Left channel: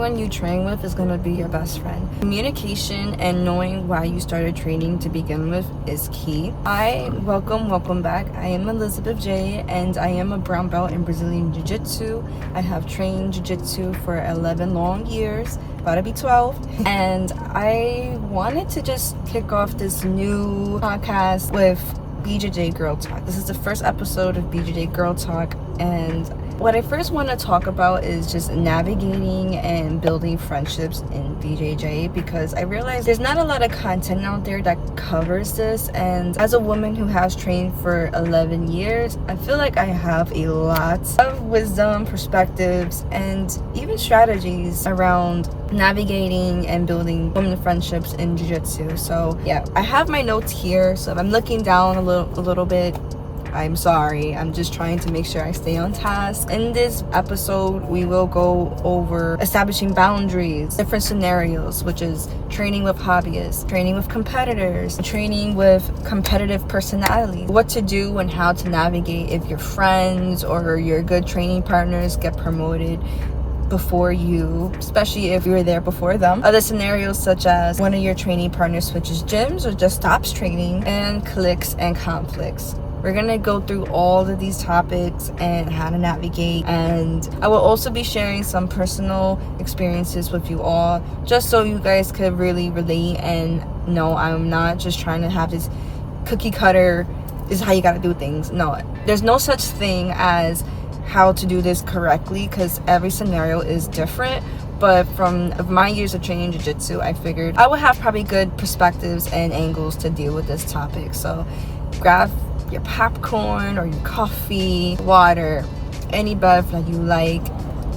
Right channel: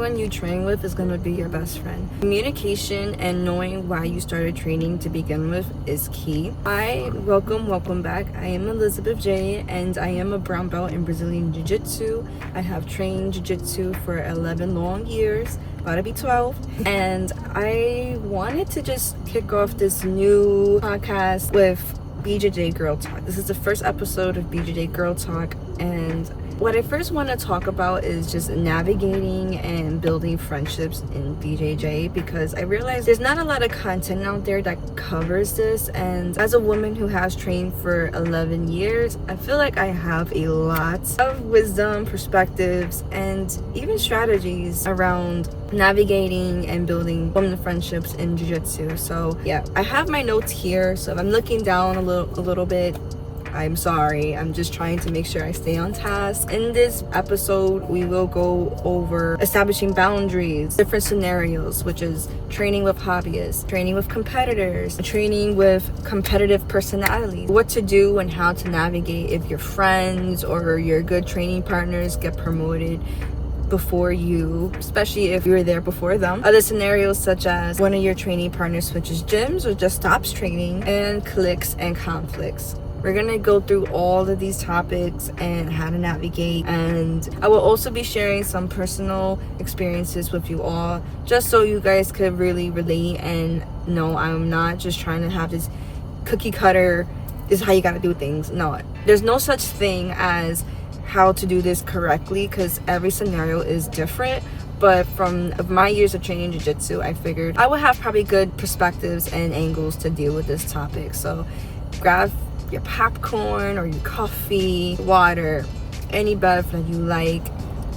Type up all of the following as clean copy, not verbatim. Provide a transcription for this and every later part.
everyone you train with is going to be your best friend. Communication and knowing why you started training to begin with is key. Welcome back. I am Elizabeth J, and I am a brown belt in Brazilian Jiu-Jitsu. I have trained Jiu-Jitsu for 11 long years, about to be 12, and I wanted to just kick off this new podcast with BJJ Girl Talk. This is the first episode of BJJ Girl Talk, and what I first want to talk about is just navigating and building friendships in BJJ, because I realize there's not a lot of content out there that covers this, and as a woman who has trained for 11 years, I feel like I have a lot of wisdom, perspectives, and even strategies around navigating and building women friendships in Jiu-Jitsu. So yeah, I have my notes here, so if I'm looking down a little bit, I'm sorry. I'm just trying to make sure I stay on task. In this episode, we will go over establishing boundaries, different scenarios, which is training with hobbyists, training with competitors, training with competitive personalities, what to do and how to navigate if your friends or your good training partners get promoted before you, especially if you were there before them. Other scenarios such as one of your training partners switches gyms or just stops training, and cliques and conflicts. We're gonna go through all of these topics and how to navigate, and I will also be sharing some personal experiences with you all, just so you guys could really relate and know I'm not just trying to have this cookie cutter, this is how you gotta do things. No, there's no such thing as how to do this correctly, because every scenario is different. But from my years of training Jiu-Jitsu, I figured I would have probably good perspectives and angles to deal with this topic. So grab your popcorn or your coffee, water, any bev that you like,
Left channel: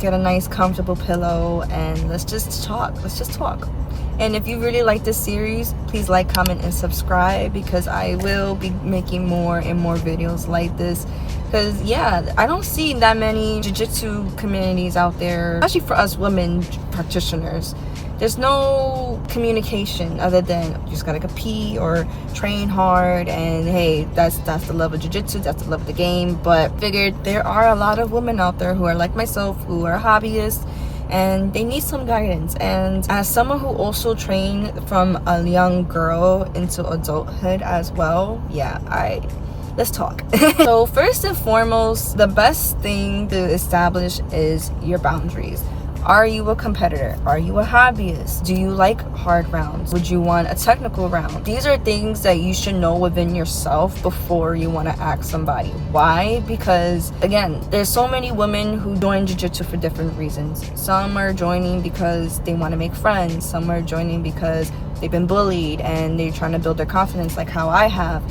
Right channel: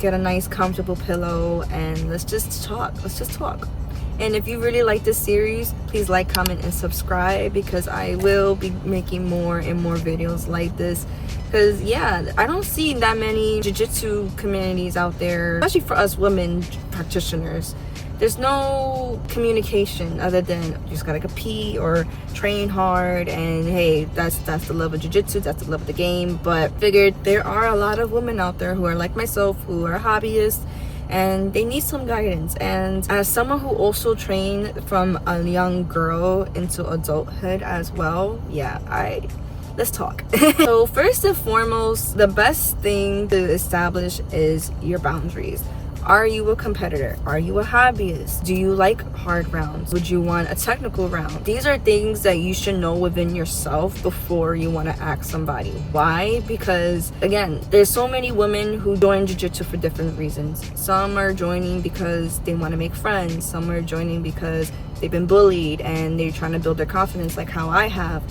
get a nice comfortable pillow, and let's just talk. And if you really like this series, please like, comment, and subscribe, because I will be making more and more videos like this. Because yeah, I don't see that many jiu-jitsu communities out there, especially for us women practitioners. There's no communication other than you just gotta compete or train hard, and hey, that's the love of jiu-jitsu, that's the love of the game. But figured there are a lot of women out there who are like myself, who are hobbyists, and they need some guidance. And as someone who also trained from a young girl into adulthood as well, yeah, let's talk. So first and foremost, the best thing to establish is your boundaries. Are you a competitor? Are you a hobbyist? Do you like hard rounds? Would you want a technical round? These are things that you should know within yourself before you want to ask somebody. Why? Because again, there's so many women who join jiu-jitsu for different reasons. Some are joining because they want to make friends. Some are joining because they've been bullied and they're trying to build their confidence, like how I have.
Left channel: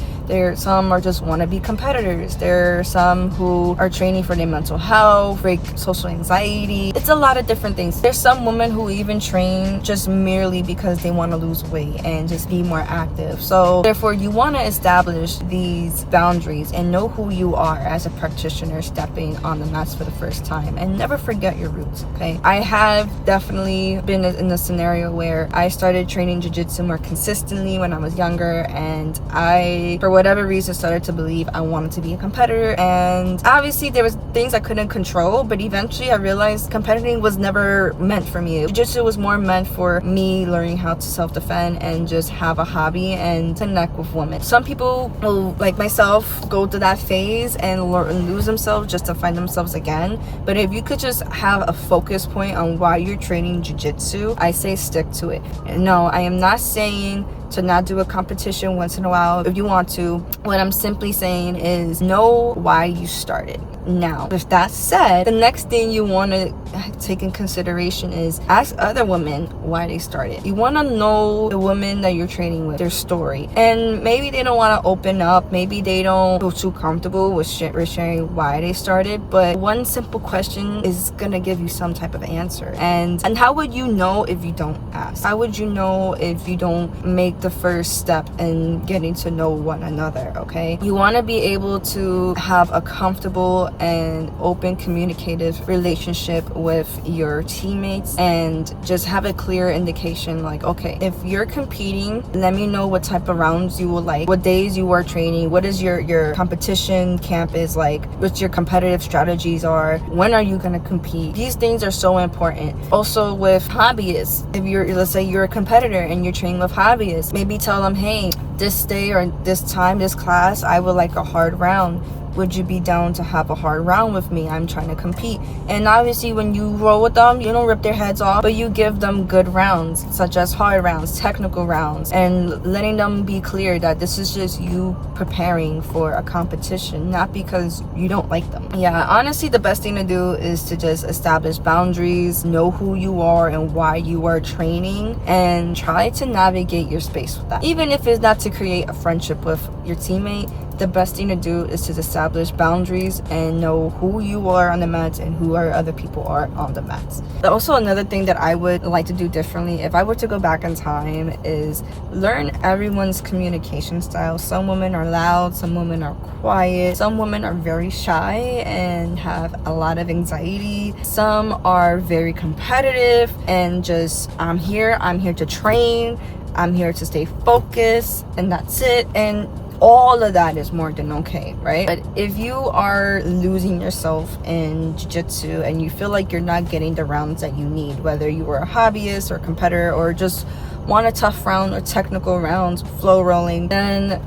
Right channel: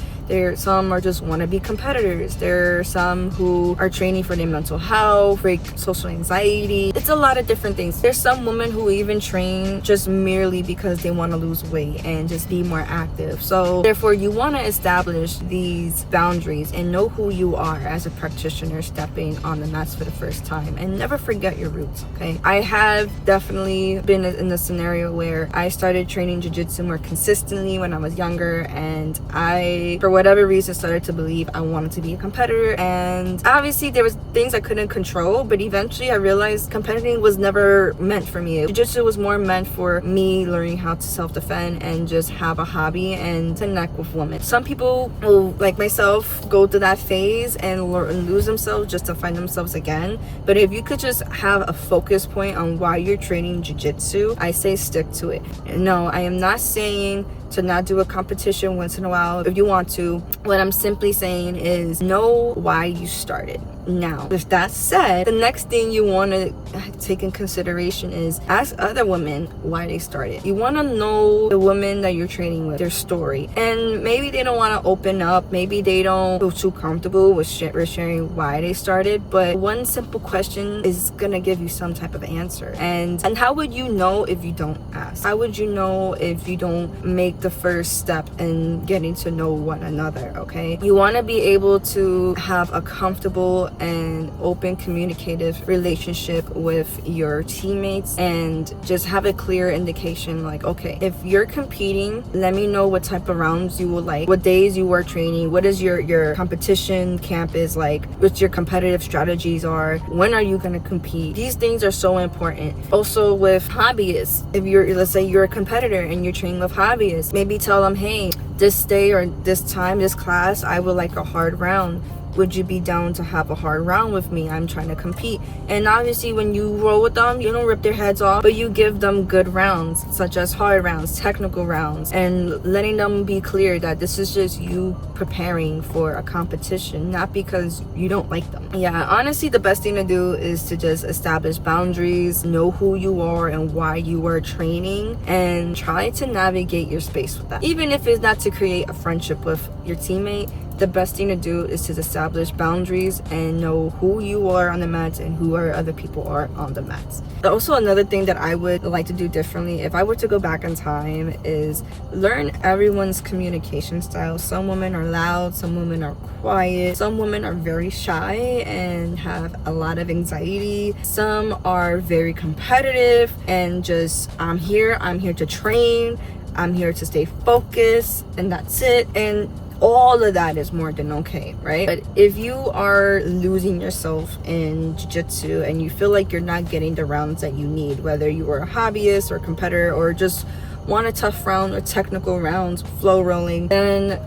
Some are just want to be competitors. There are some who are training for their mental health, break social anxiety. It's a lot of different things. There's some women who even train just merely because they want to lose weight and just be more active. So therefore, you want to establish these boundaries and know who you are as a practitioner stepping on the mats for the first time, and never forget your roots, okay? I have definitely been in a scenario where I started training jiu-jitsu more consistently when I was younger, and I, for whatever reason, started to believe I wanted to be a competitor. And obviously there was things I couldn't control, but eventually I realized competing was never meant for me. Jiu-jitsu was more meant for me learning how to self-defend and just have a hobby and connect with women. Some people will, like myself, go through that phase and lose themselves just to find themselves again. But if you could just have a focus point on why you're training jiu-jitsu, I say stick to it. And no, I am not saying to not do a competition once in a while if you want to. What I'm simply saying is know why you started. Now, with that said, the next thing you want to take in consideration is ask other women why they started. You want to know the women that you're training with, their story. And maybe they don't want to open up, maybe they don't feel too comfortable with sharing why they started, but one simple question is gonna give you some type of answer. And how would you know if you don't ask? How would you know if you don't make the first step in getting to know one another? Okay, you want to be able to have a comfortable and open communicative relationship with your teammates, and just have a clear indication like, okay, if you're competing, let me know what type of rounds you would like, what days you are training, what is your competition camp is like, what your competitive strategies are, when are you going to compete. These things are so important. Also with hobbyists, if you're, let's say you're a competitor and you're training with hobbyists, maybe tell them, hey, this day or this time, this class, I would like a hard round. Would you be down to have a hard round with me? I'm trying to compete. And obviously when you roll with them, you don't rip their heads off, but you give them good rounds, such as hard rounds, technical rounds, and letting them be clear that this is just you preparing for a competition, not because you don't like them. Yeah, honestly, the best thing to do is to just establish boundaries, know who you are and why you are training, and try to navigate your space with that. Even if it's not to create a friendship with your teammate, the best thing to do is to establish boundaries and know who you are on the mats and who other people are on the mats. Also, another thing that I would like to do differently if I were to go back in time is learn everyone's communication style. Some women are loud, some women are quiet, some women are very shy and have a lot of anxiety, some are very competitive and just, I'm here to train, I'm here to stay focused, and that's it. And all of that is more than okay, right? But if you are losing yourself in jiu-jitsu and you feel like you're not getting the rounds that you need, whether you are a hobbyist or competitor or just want a tough round or technical rounds, flow rolling, then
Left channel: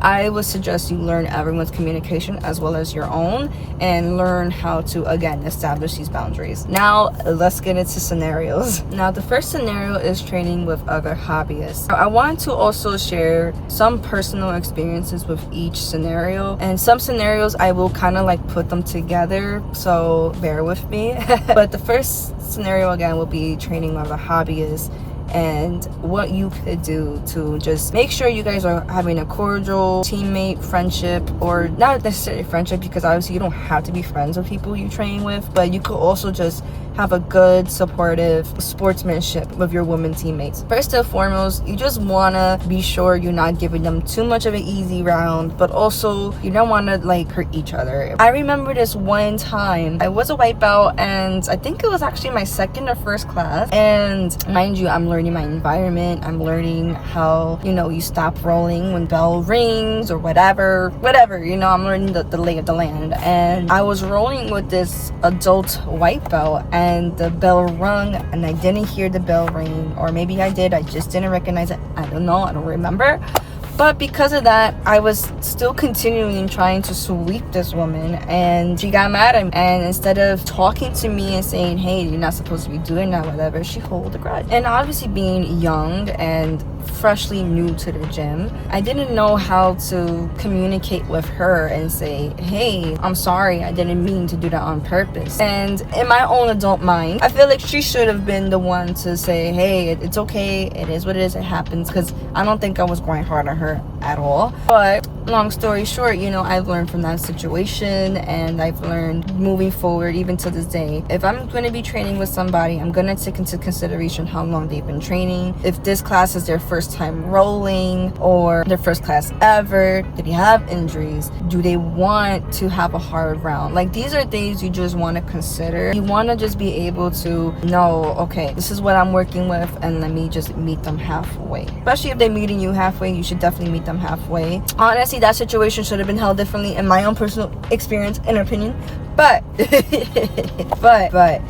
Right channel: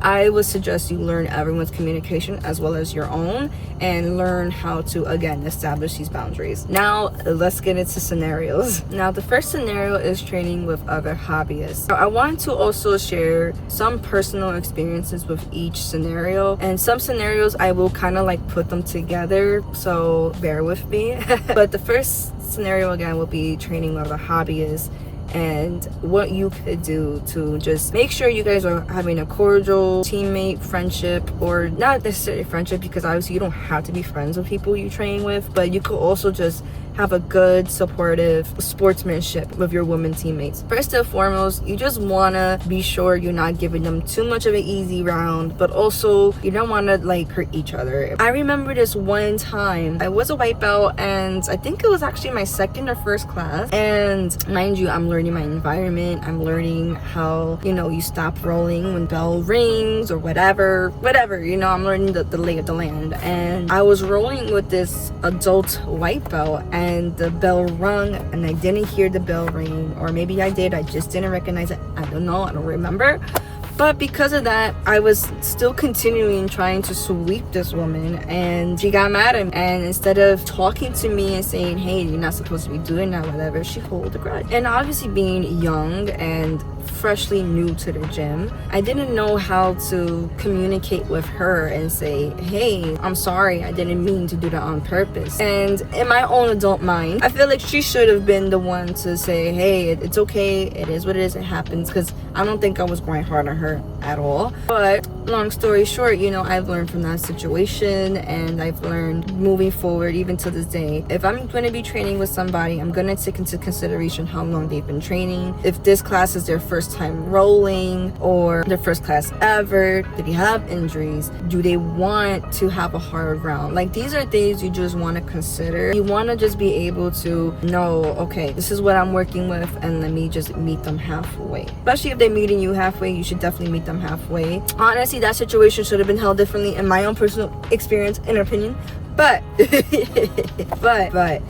I would suggest you learn everyone's communication as well as your own, and learn how to, again, establish these boundaries. Now, let's get into scenarios. Now, the first scenario is training with other hobbyists. I want to also share some personal experiences with each scenario, and some scenarios I will kind of like put them together, so bear with me. But the first scenario, again, will be training with a hobbyist, and what you could do to just make sure you guys are having a cordial teammate friendship, or not necessarily friendship, because obviously you don't have to be friends with people you train with, but you could also just have a good supportive sportsmanship with your women teammates. First and foremost, you just want to be sure you're not giving them too much of an easy round, but also you don't want to like hurt each other. I remember this one time, I was a white belt and I think it was actually my second or first class, and mind you, I'm learning my environment, I'm learning how, you know, you stop rolling when bell rings or whatever, you know, I'm learning the lay of the land. And I was rolling with this adult white belt, and the bell rung and I didn't hear the bell ring, or maybe I did, I just didn't recognize it, I don't know, I don't remember. But because of that, I was still continuing trying to sweep this woman, and she got mad at me. And instead of talking to me and saying, hey, you're not supposed to be doing that, whatever, she hold a grudge. And obviously being young and freshly new to the gym, I didn't know how to communicate with her and say, hey, I'm sorry, I didn't mean to do that on purpose. And in my own adult mind, I feel like she should have been the one to say, hey, it's okay, it is what it is, it happens, because I don't think I was going hard on her at all. But long story short, you know, I've learned from that situation, and I've learned moving forward, even to this day, if I'm going to be training with somebody, I'm going to take into consideration how long they've been training. If this class is their first time rolling or their first class ever, do they have injuries? Do they want to have a hard round? Like, these are things you just want to consider. You want to just be able to know, okay, this is what I'm working with, and let me just meet them halfway. Especially if they're meeting you halfway, you should definitely meet them halfway. Honestly, that situation should have been held differently in my own personal experience and opinion, but but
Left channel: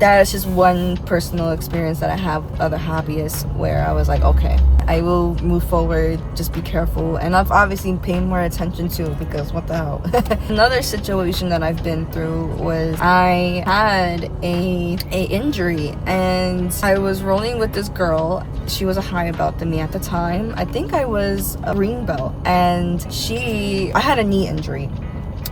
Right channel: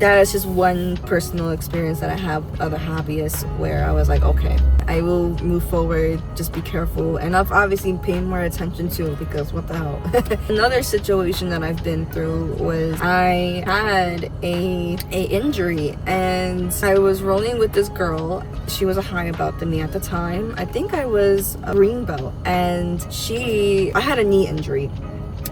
that is just one personal experience that I have with other hobbyists, where I was like, okay, I will move forward, just be careful. And I've obviously paid more attention to, because what the hell. Another situation that I've been through was I had a injury, and I was rolling with this girl. She was a higher belt than me at the time. I think I was a green belt, and I had a knee injury,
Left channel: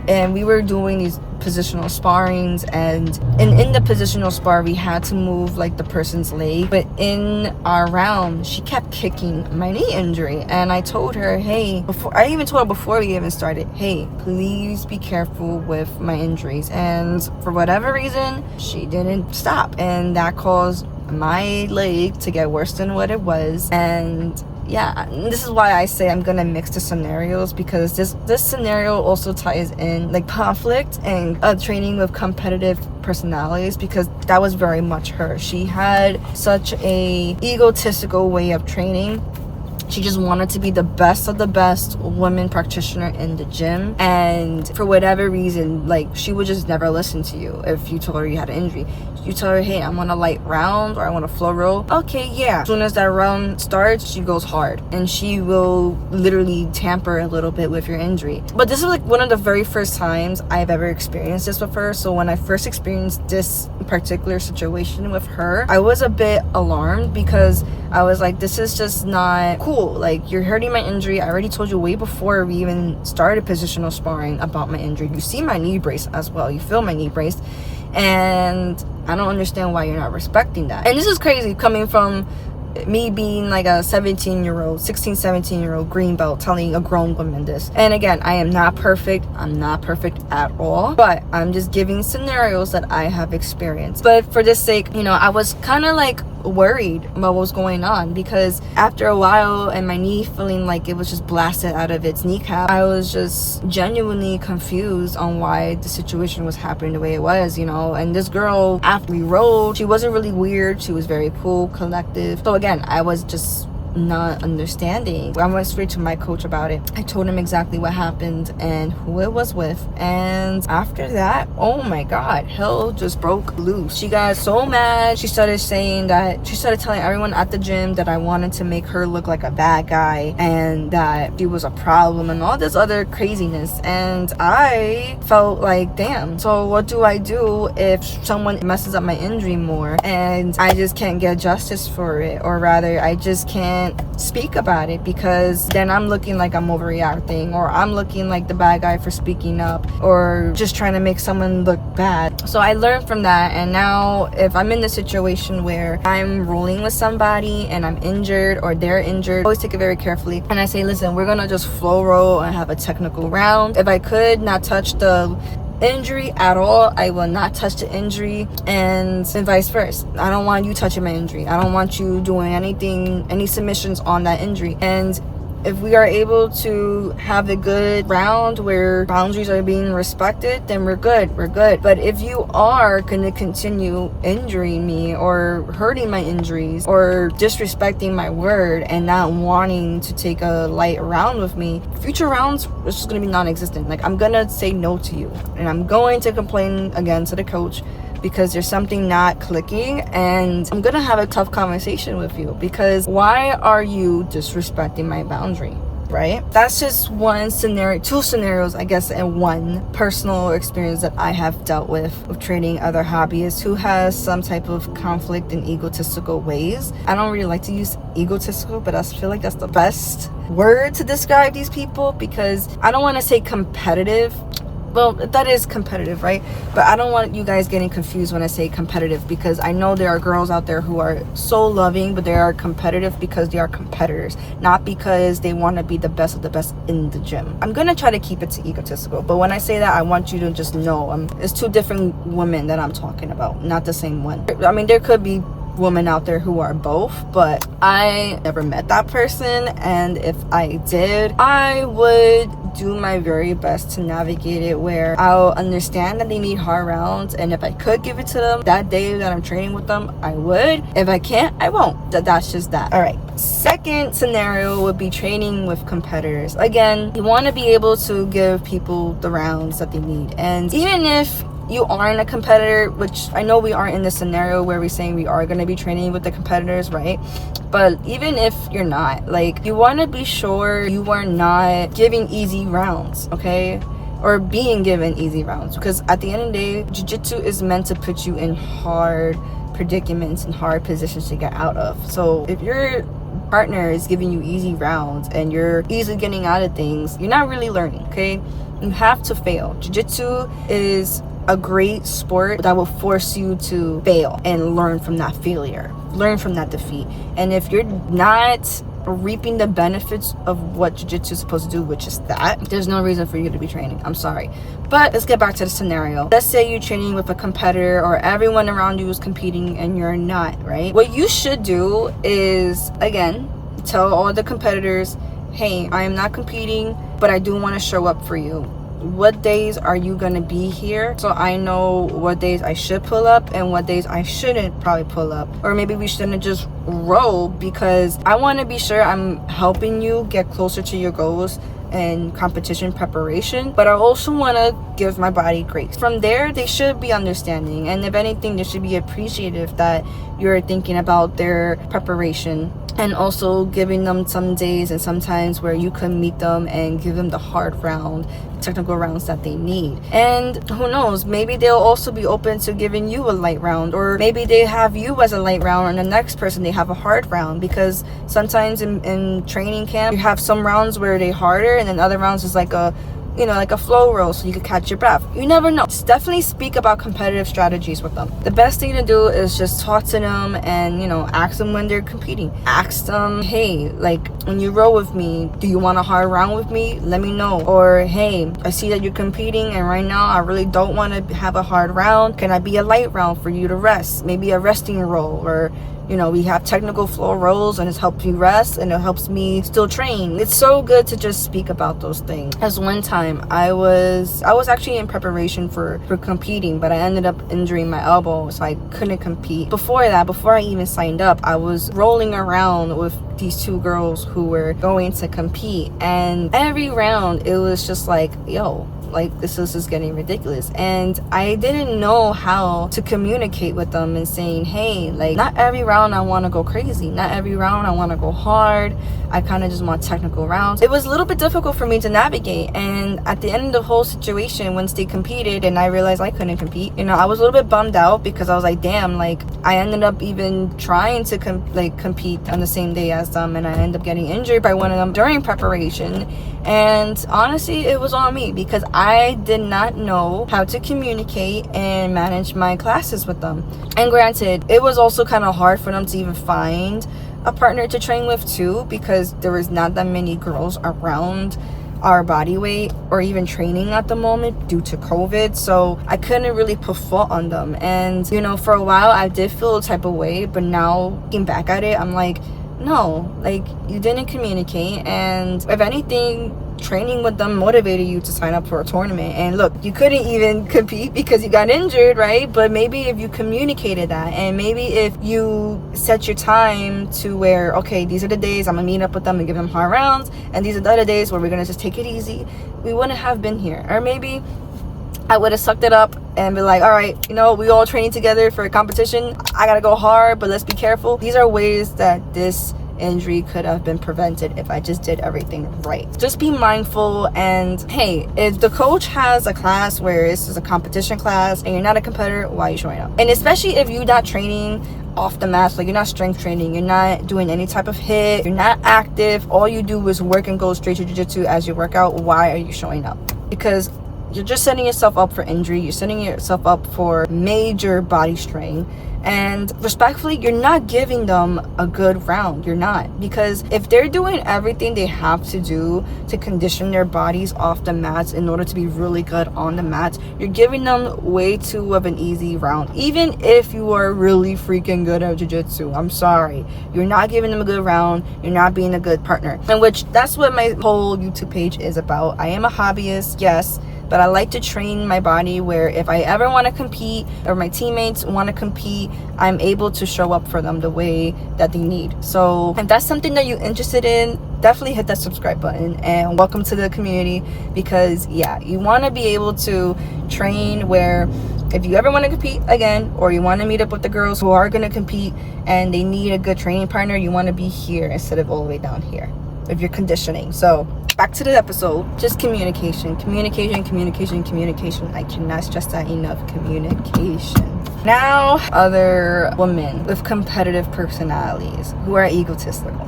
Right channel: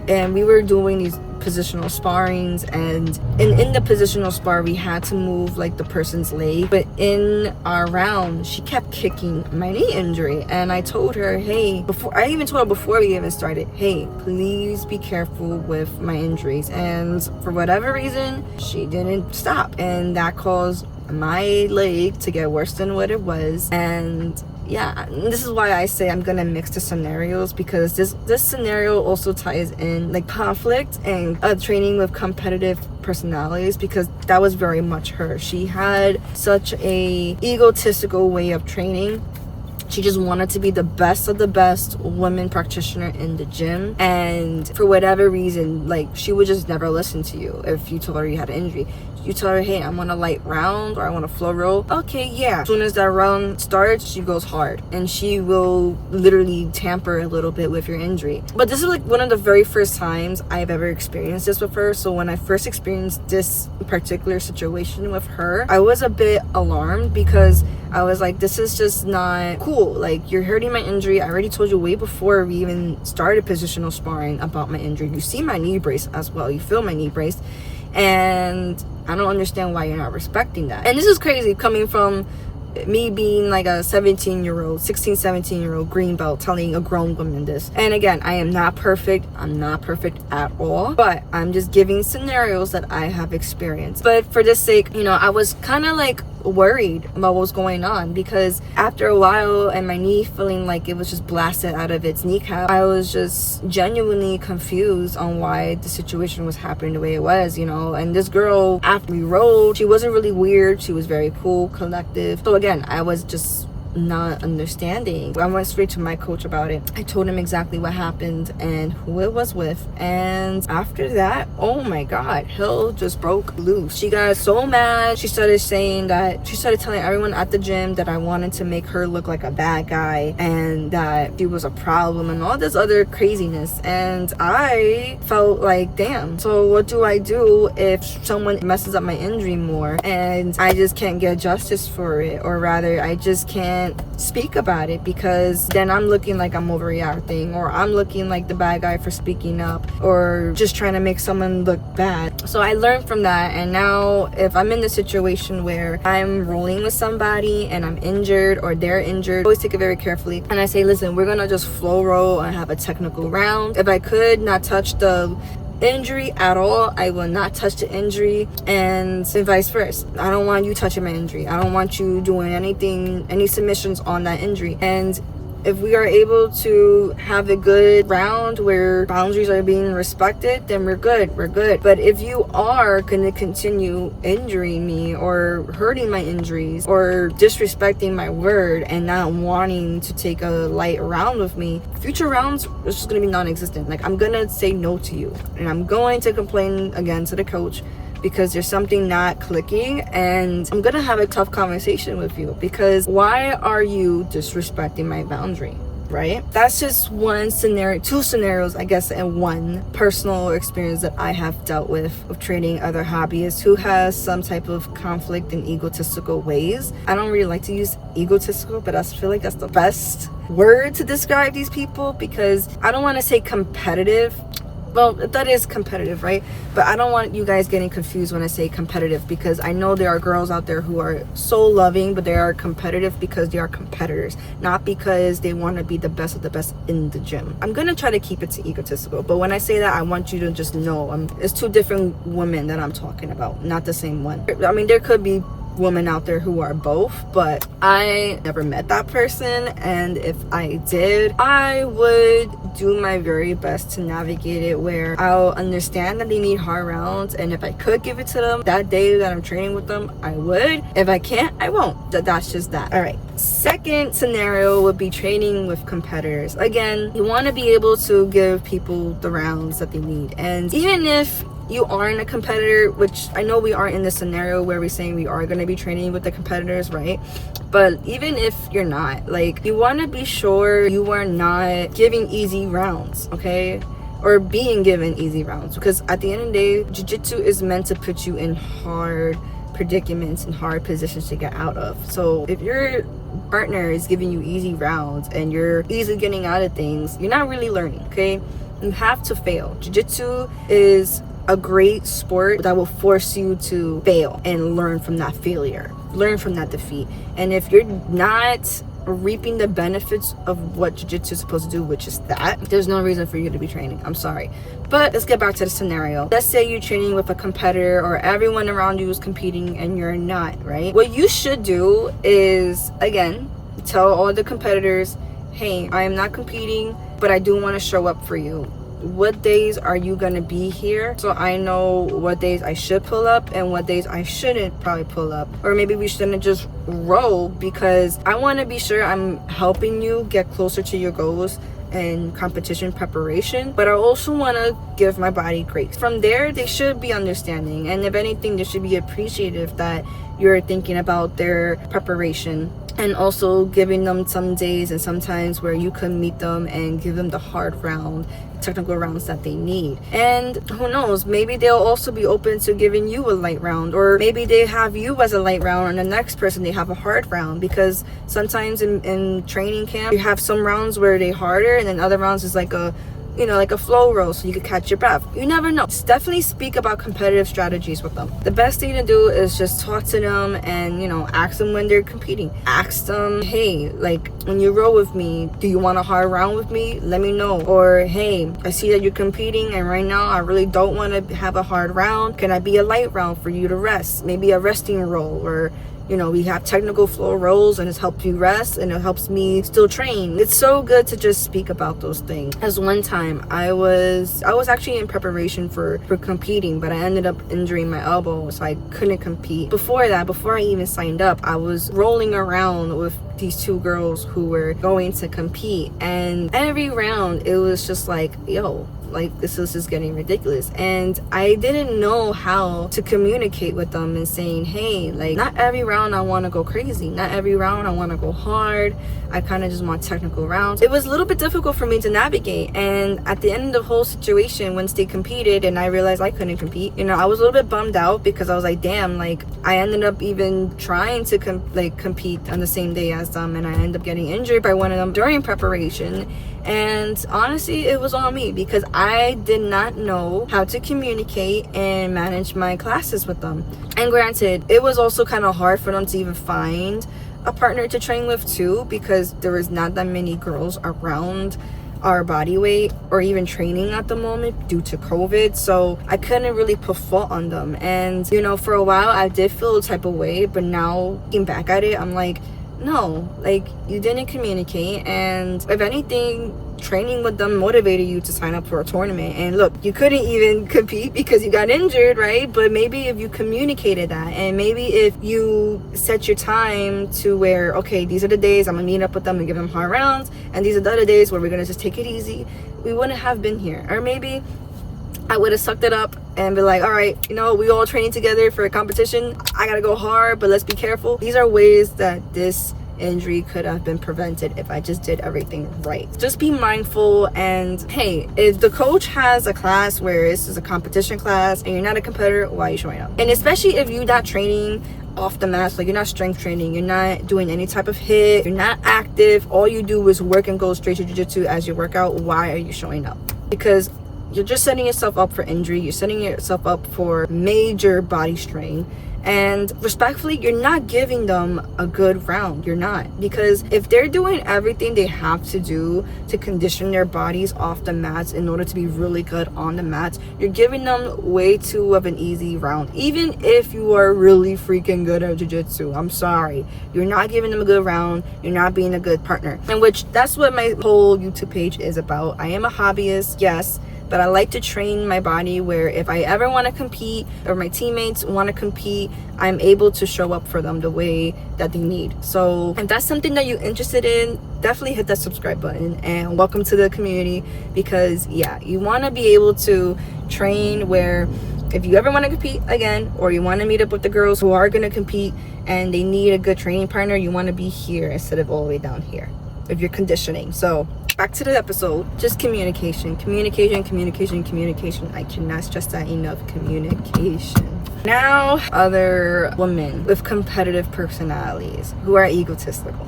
and we were doing these positional sparrings, and in the positional spar we had to move like the person's leg, but in our round she kept kicking my knee injury. And I told her, hey, before we even started, hey, please be careful with my injuries. And for whatever reason, she didn't stop, and that caused my leg to get worse than what it was. And yeah, this is why I say I'm gonna mix the scenarios, because this scenario also ties in like conflict and training with competitive personalities, because that was very much her. She had such a egotistical way of training. She just wanted to be the best of the best women practitioner in the gym, and for whatever reason, like, she would just never listen to you. If you told her you had an injury, you tell her, hey, I'm on a light round or I want a flow roll. Okay, yeah. As soon as that round starts, she goes hard, and she will literally tamper a little bit with your injury. But this is like one of the very first times I've ever experienced this with her. So when I first experienced this particular situation with her, I was a bit alarmed, because I was like, this is just not cool. Like, you're hurting my injury. I already told you way before we even started positional sparring about my injury. You see my knee brace as well. You feel my knee brace. And I don't understand why you're not respecting that. And this is crazy coming from me being like a 17-year-old green belt telling a grown woman this. And again, I am not perfect. I'm not perfect at all, but I'm just giving scenarios that I have experienced. But for this sake, you know, I was kind of like worried about what was going on, because after a while and my knee feeling like it was just blasted out of its kneecap, I was just genuinely confused on why the situation was happening the way it was, you know. And this girl, after we rolled, she wasn't really weird. She was very cool, collective. So again, I was just not understanding. I went straight to my coach about it. I told him exactly what happened and who it was with, and after that, oh my god, hell just broke loose. She got so mad. She started telling everyone at the gym that I wanted to make her look like a bad guy and that she was a problem and all this other craziness. And I felt like, damn, so what do I do if someone messes up my injury more and I just can't get justice for it, or rather I just can't speak about it, because then I'm looking like I'm overreacting, or I'm looking like the bad guy for speaking up, or just trying to make someone look bad. So I learned from that, and now if I'm in the situation where I'm rolling with somebody and I'm injured or they're injured, I always take it very carefully, and I say, listen, we're gonna just flow roll and have a technical round. If I could not touch the injury at all, I will not touch the injury, and vice versa. I don't want you touching my injury. I don't want you doing anything, any submissions on that injury. And if we are able to have a good round where boundaries are being respected, then we're good. But if you are going to continue injuring me or hurting my injuries or disrespecting my word and not wanting to take a light round with me, future rounds is just going to be non-existent. Like, I'm going to say no to you, and I'm going to complain again to the coach, because there's something not clicking, and I'm gonna have a tough conversation with you, because why are you disrespecting my boundary, right? That's just one scenario, two scenarios, I guess, and one personal experience that I have dealt with training other hobbyists who has some type of conflict in egotistical ways. I don't really like to use egotistical, but I feel like that's the best word to describe these people, because I don't want to say competitive. Well, that is competitive, right? But I don't want you guys getting confused when I say competitive, because I know there are girls out there who are so loving, but they are competitive because they are competitors, not because they want to be the best of the best in the gym. I'm going to try to keep it to egotistical, but when I say that, I want you to just know it's two different women that I'm talking about, not the same one. I mean, there could be women out there who are both, but I never met that person, and if I did, I would do my very best to navigate it where I'll understand that they need hard rounds, and if I could give it to them that day that I'm training with them, I would. If I can't, I won't. That's just that. All right, second scenario would be training with competitors. Again, you want to be able to give people the rounds that they need, and even if you aren't a competitor, which I know we aren't in this scenario where we're saying we are going to be training with the competitors, right? But even if you're not, like, you want to be sure you are not giving easy rounds, okay? Or being given easy rounds, because at the end of the day, jiu-jitsu is meant to put you in hard predicaments and hard positions to get out of. So if your partner is giving you easy rounds and you're easily getting out of things, you're not really learning, okay? You have to fail. Jiu-jitsu is a great sport that will force you to fail and learn from that failure, learn from that defeat. And if you're not reaping the benefits of what jiu-jitsu is supposed to do, which is that, there's no reason for you to be training. I'm sorry. But let's get back to the scenario. Let's say you're training with a competitor, or everyone around you is competing and you're not, right? What you should do is, again, tell all the competitors, hey, I am not competing, but I do want to show up for you. What days are you gonna be here, so I know what days I should pull up and what days I shouldn't probably pull up, or maybe we shouldn't just roll, because I want to be sure I'm helping you get closer to your goals and competition preparation, but I also want to give my body grace. From there, they should be understanding, and if anything, they should be appreciative that you're thinking about their preparation, and also giving them some days and some times where you can meet them and give them the hard round, technical rounds that they need. And who knows, maybe they'll also be open to giving you a light round, or maybe they have you as a light round and the next person they have a hard round, because sometimes in training camp you have some rounds where they harder and then other rounds is like a flow roll, so you could catch your breath. You never know. Just definitely speak about competitive strategies with them. The best thing to do is just talk to them and, ask them when they're competing. Ask them, hey, like, when you roll with me, do you want a hard round with me? Let me know. Or, hey, I see that you're competing and right now I really don't want to have a hard round. Can I be a light round for you to rest? Maybe a resting roll, or we have technical floor rolls and it helps you rest and it helps me still train. It's so good to just speak about those things. As one time I was actually in preparation for competing, but I ended up injuring my elbow, so I couldn't compete. Before I even signed up, I was rolling around with these two girls who were going to compete, and every round it was just like, yo, like, this is just getting ridiculous. And I didn't know how to communicate with them and saying, hey, like, not every round I want to go crazy, not every round I want to go hard, I kind of just want technical rounds. It was a little bit difficult for me to navigate, and at the end of the whole situation, once they competed and I realized I couldn't compete, I was a little bit bummed out, because I was like, damn, like, I ended up even trying to compete on the same day as them, and I ended up getting injured by one of them during preparation. And honestly, it was on me, because I did not know how to communicate and manage my classes with them. And granted, it was also kind of hard for them to even find a partner to train with too, because there was not that many girls around our body weight or even training at the moment due to COVID, so I couldn't really put fault on them. And for a while I did feel a type of way, but now looking back at it, I'm like, no, like, you didn't communicate, and if anything, training with them motivated you to sign up for a tournament. And look, you couldn't even compete because you got injured, right? But maybe if you communicated that, and maybe if you set your time to where, okay, these are the days I'm gonna meet up with them and give them hard rounds, and these are the other days where we're gonna just take it easy, we wouldn't have been here. Or maybe I would have sucked it up and be like, all right, we all training together for a competition, I gotta go hard, but let's be careful. These are ways that this injury could have been prevented if I just did everything right. Just be mindful, and hey, if the coach has a class where this is a competition class and you're not a competitor, why are you showing up? And especially if you're not training off the mats, like, you're not strength training, you're not doing any type of hit, you're not active, all you do is work and go straight to jiu-jitsu as you work out, why are you showing up? Because you're just setting yourself up for injury, you're setting yourself up for major body strain, and respectfully, you're not giving them a good round. You're not, because if they're doing everything they have to do to condition their bodies off the mats in order to be really good on the mats, you're giving them way too of an easy round. Even if you are really freaking good at jiu-jitsu, I'm sorry, you're not giving them a good round, you're not being a good partner. And which, that's what my whole YouTube page is about. I am a hobbyist, yes, but I like to train my body where if I ever want to compete, or my teammates want to compete, I'm able to show up for them the way that they need. So if that's something that you're interested in, definitely hit that subscribe button and welcome to the community, because yeah, you want to be able to train where if you ever want to compete again, or you want to meet up with the girls who are going to compete and they need a good training partner, you want to be here instead of all the way down here if you're conditioning. So back to the episode, just communication. I cannot stress that enough. Communication. Now, other women with competitive personalities who are egotistical.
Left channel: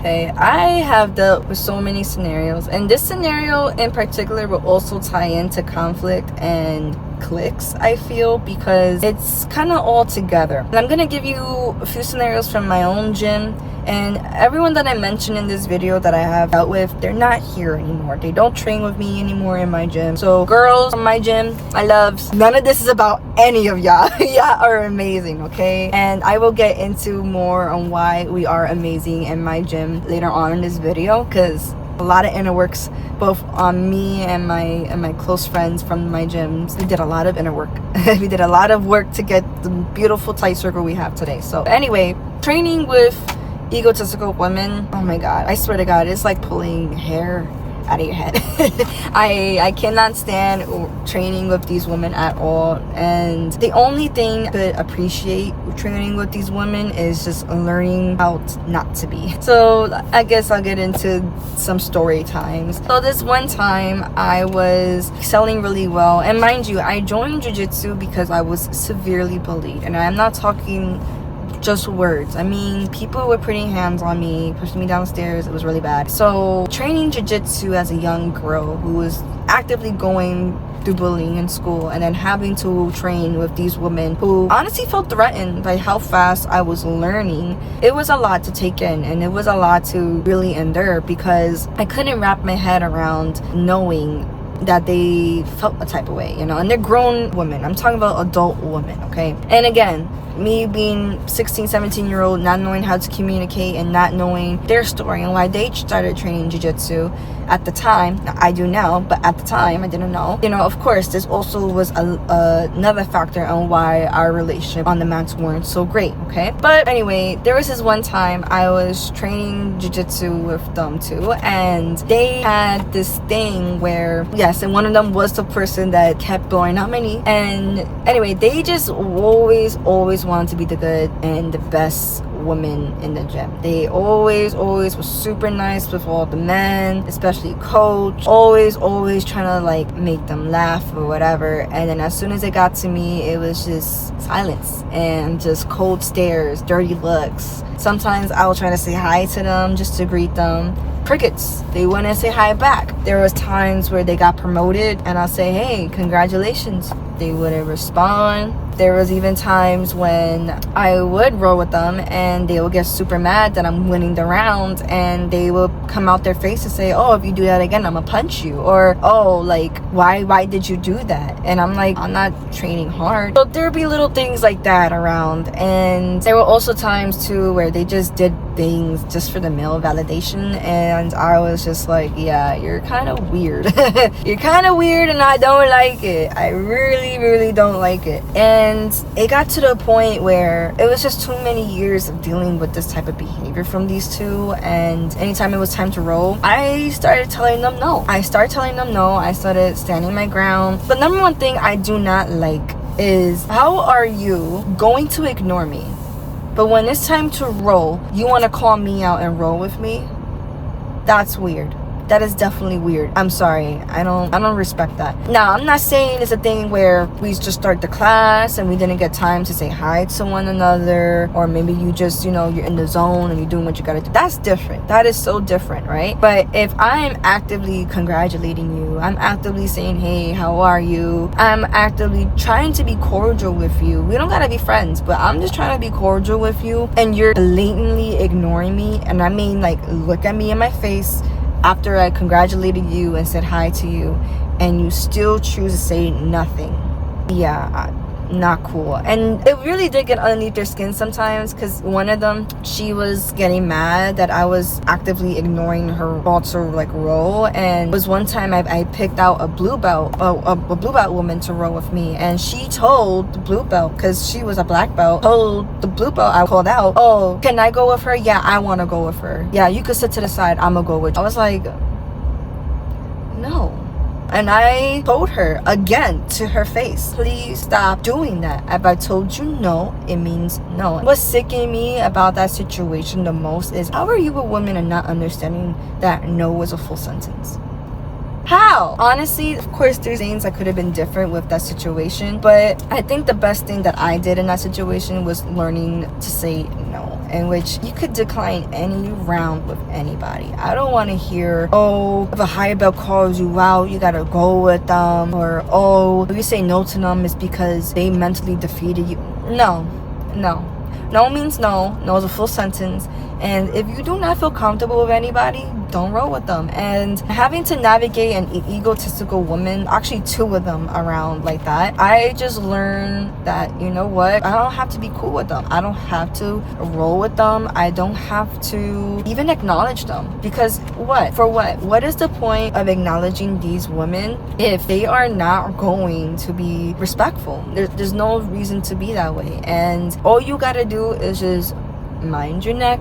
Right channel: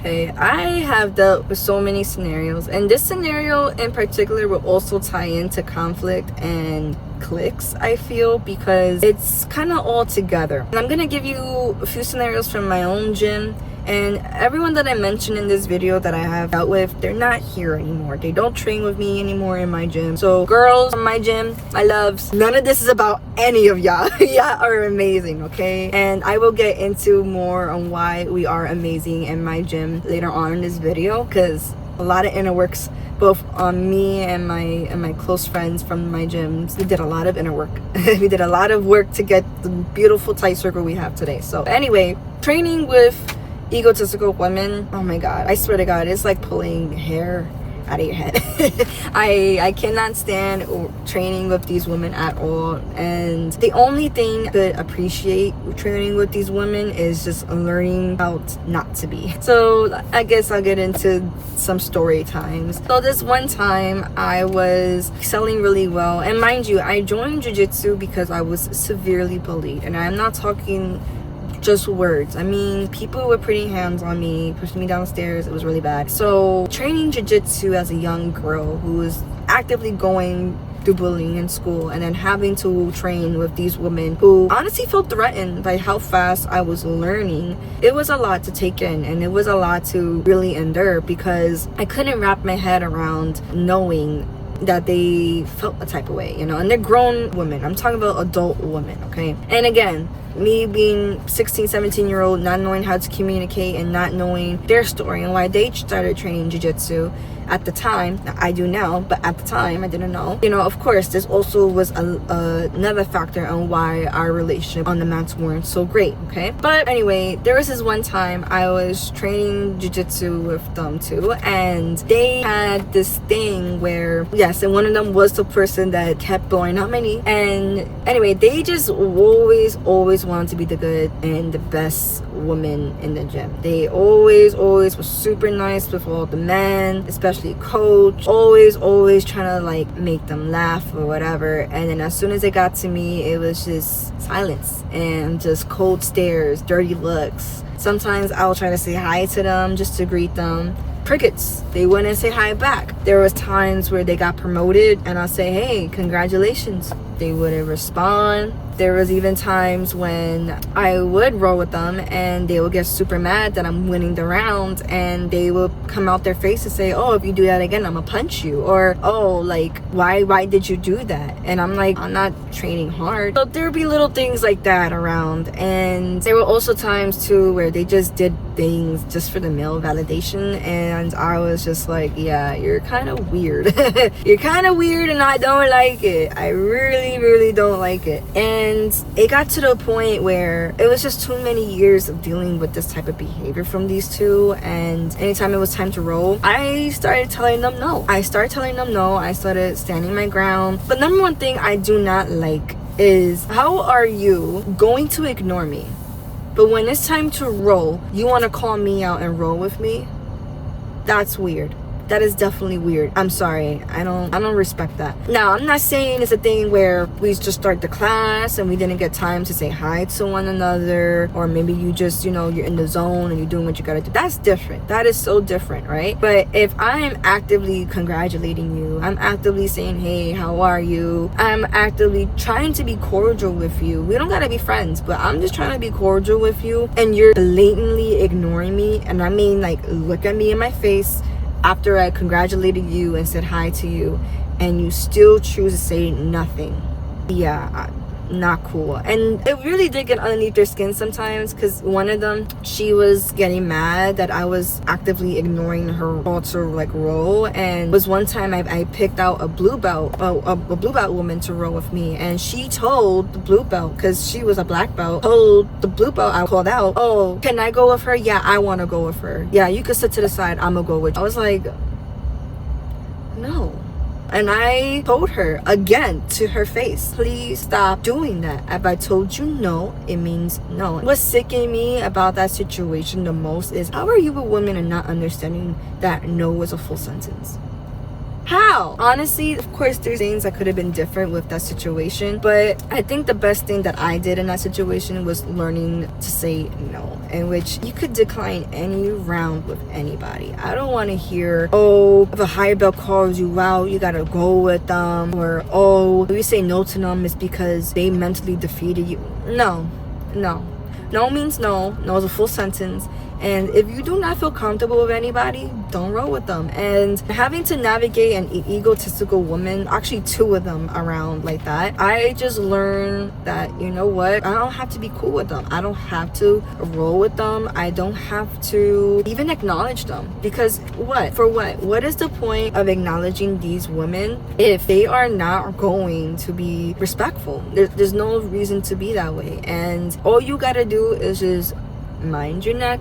Okay, I have dealt with so many scenarios, and this scenario in particular will also tie into conflict and clicks, I feel, because it's kind of all together. And I'm gonna give you a few scenarios from my own gym, and everyone that I mentioned in this video that I have dealt with, they're not here anymore. They don't train with me anymore in my gym. So girls from my gym, my loves, none of this is about any of y'all. Y'all are amazing, okay? And I will get into more on why we are amazing in my gym later on in this video, because a lot of inner works both on me and my close friends from my gyms. We did a lot of inner work. We did a lot of work to get the beautiful tight circle we have today. So anyway, training with egotistical women, oh my god, I swear to god, it's like pulling hair out of your head. I cannot stand training with these women at all, and the only thing I could appreciate training with these women is just learning how not to be. So I guess I'll get into some story times. So this one time I was selling really well, and mind you, I joined jiu-jitsu because I was severely bullied, and I'm not talking just words. I mean, people were putting hands on me, pushing me downstairs. It was really bad. So training jiu-jitsu as a young girl who was actively going through bullying in school, and then having to train with these women who honestly felt threatened by how fast I was learning, it was a lot to take in, and it was a lot to really endure, because I couldn't wrap my head around knowing that they felt a type of way, you know, and they're grown women. I'm talking about adult women, okay? And again, me being 16-17-year-old, not knowing how to communicate and not knowing their story and why they started training jiu-jitsu at the time. I do now, but at the time I didn't know. You know, of course, this also was another factor on why our relationship on the mats weren't so great, okay? But anyway, there was this one time I was training jiu-jitsu with them too, and they had this thing where, yes, and one of them was the person that kept blowing out my knee. And anyway, they just always wanted to be the good and the best woman in the gym. They always were super nice with all the men, especially coach, always trying to like make them laugh or whatever. And then as soon as it got to me, it was just silence and just cold stares, dirty looks. Sometimes I was trying to say hi to them just to greet them. Crickets. They wouldn't say hi back. There was times where they got promoted and I'll say, hey, congratulations. They wouldn't respond. There was even times when I would roll with them and they would get super mad that I'm winning the round, and they would come out their face and say, oh, if you do that again, I'm gonna punch you. Or, oh, like, why did you do that? And I'm like, I'm not training hard. So there would be little things like that around. And there were also times too where they just did things just for the male validation, and I was just like, yeah, you're kind of weird. You're kind of weird and I don't like it. I really don't like it. And it got to the point where it was just too many years of dealing with this type of behavior from these two, and anytime it was time to roll, I started telling them no. I started standing my ground. The number one thing I do not like is, how are you going to ignore me, but when it's time to roll, you want to call me out and roll with me? That's weird. That is definitely weird. I'm sorry. I don't respect that. Now, I'm not saying it's a thing where we just start the class and we didn't get time to say hi to one another, or maybe you just, you know, you're in the zone and you're doing what you gotta do. That's different. That is so different, right? But if I'm actively congratulating you, I'm actively saying, hey, how are you? I'm actively trying to be cordial with you. We don't gotta be friends, but I'm just trying to be cordial with you, and you're blatantly ignoring me. And I mean, like, look at me in my face after I congratulated you and said hi to you, and you still choose to say nothing. Yeah, not cool. And it really did get underneath their skin sometimes, because one of them, she was getting mad that I was actively ignoring her call to like roll. And it was one time I picked out a blue belt, a blue belt woman to roll with me, and she told the blue belt, because she was a black belt, told the blue belt I called out, oh, can I go with her? Yeah, I want to go with her. Yeah, you could sit to the side, I'm gonna go with you. I was like, no. And I told her again to her face, please stop doing that. If I told you no, it means no. What's sicking me about that situation the most is, how are you a woman and not understanding that no was a full sentence? How? Honestly, of course, there's things that could have been different with that situation, but I think the best thing that I did in that situation was learning to say no, in which you could decline any round with anybody. I don't want to hear, oh, if a higher belt calls you out, you gotta go with them, or oh, if you say no to them is because they mentally defeated you. No. No means no. No is a full sentence. And if you do not feel comfortable with anybody, don't roll with them. And having to navigate an egotistical woman, actually 2 of them around like that, I just learned that, you know what, I don't have to be cool with them. I don't have to roll with them. I don't have to even acknowledge them. Because what? For what? What is the point of acknowledging these women if they are not going to be respectful? There's no reason to be that way. And all you gotta do is just mind your neck,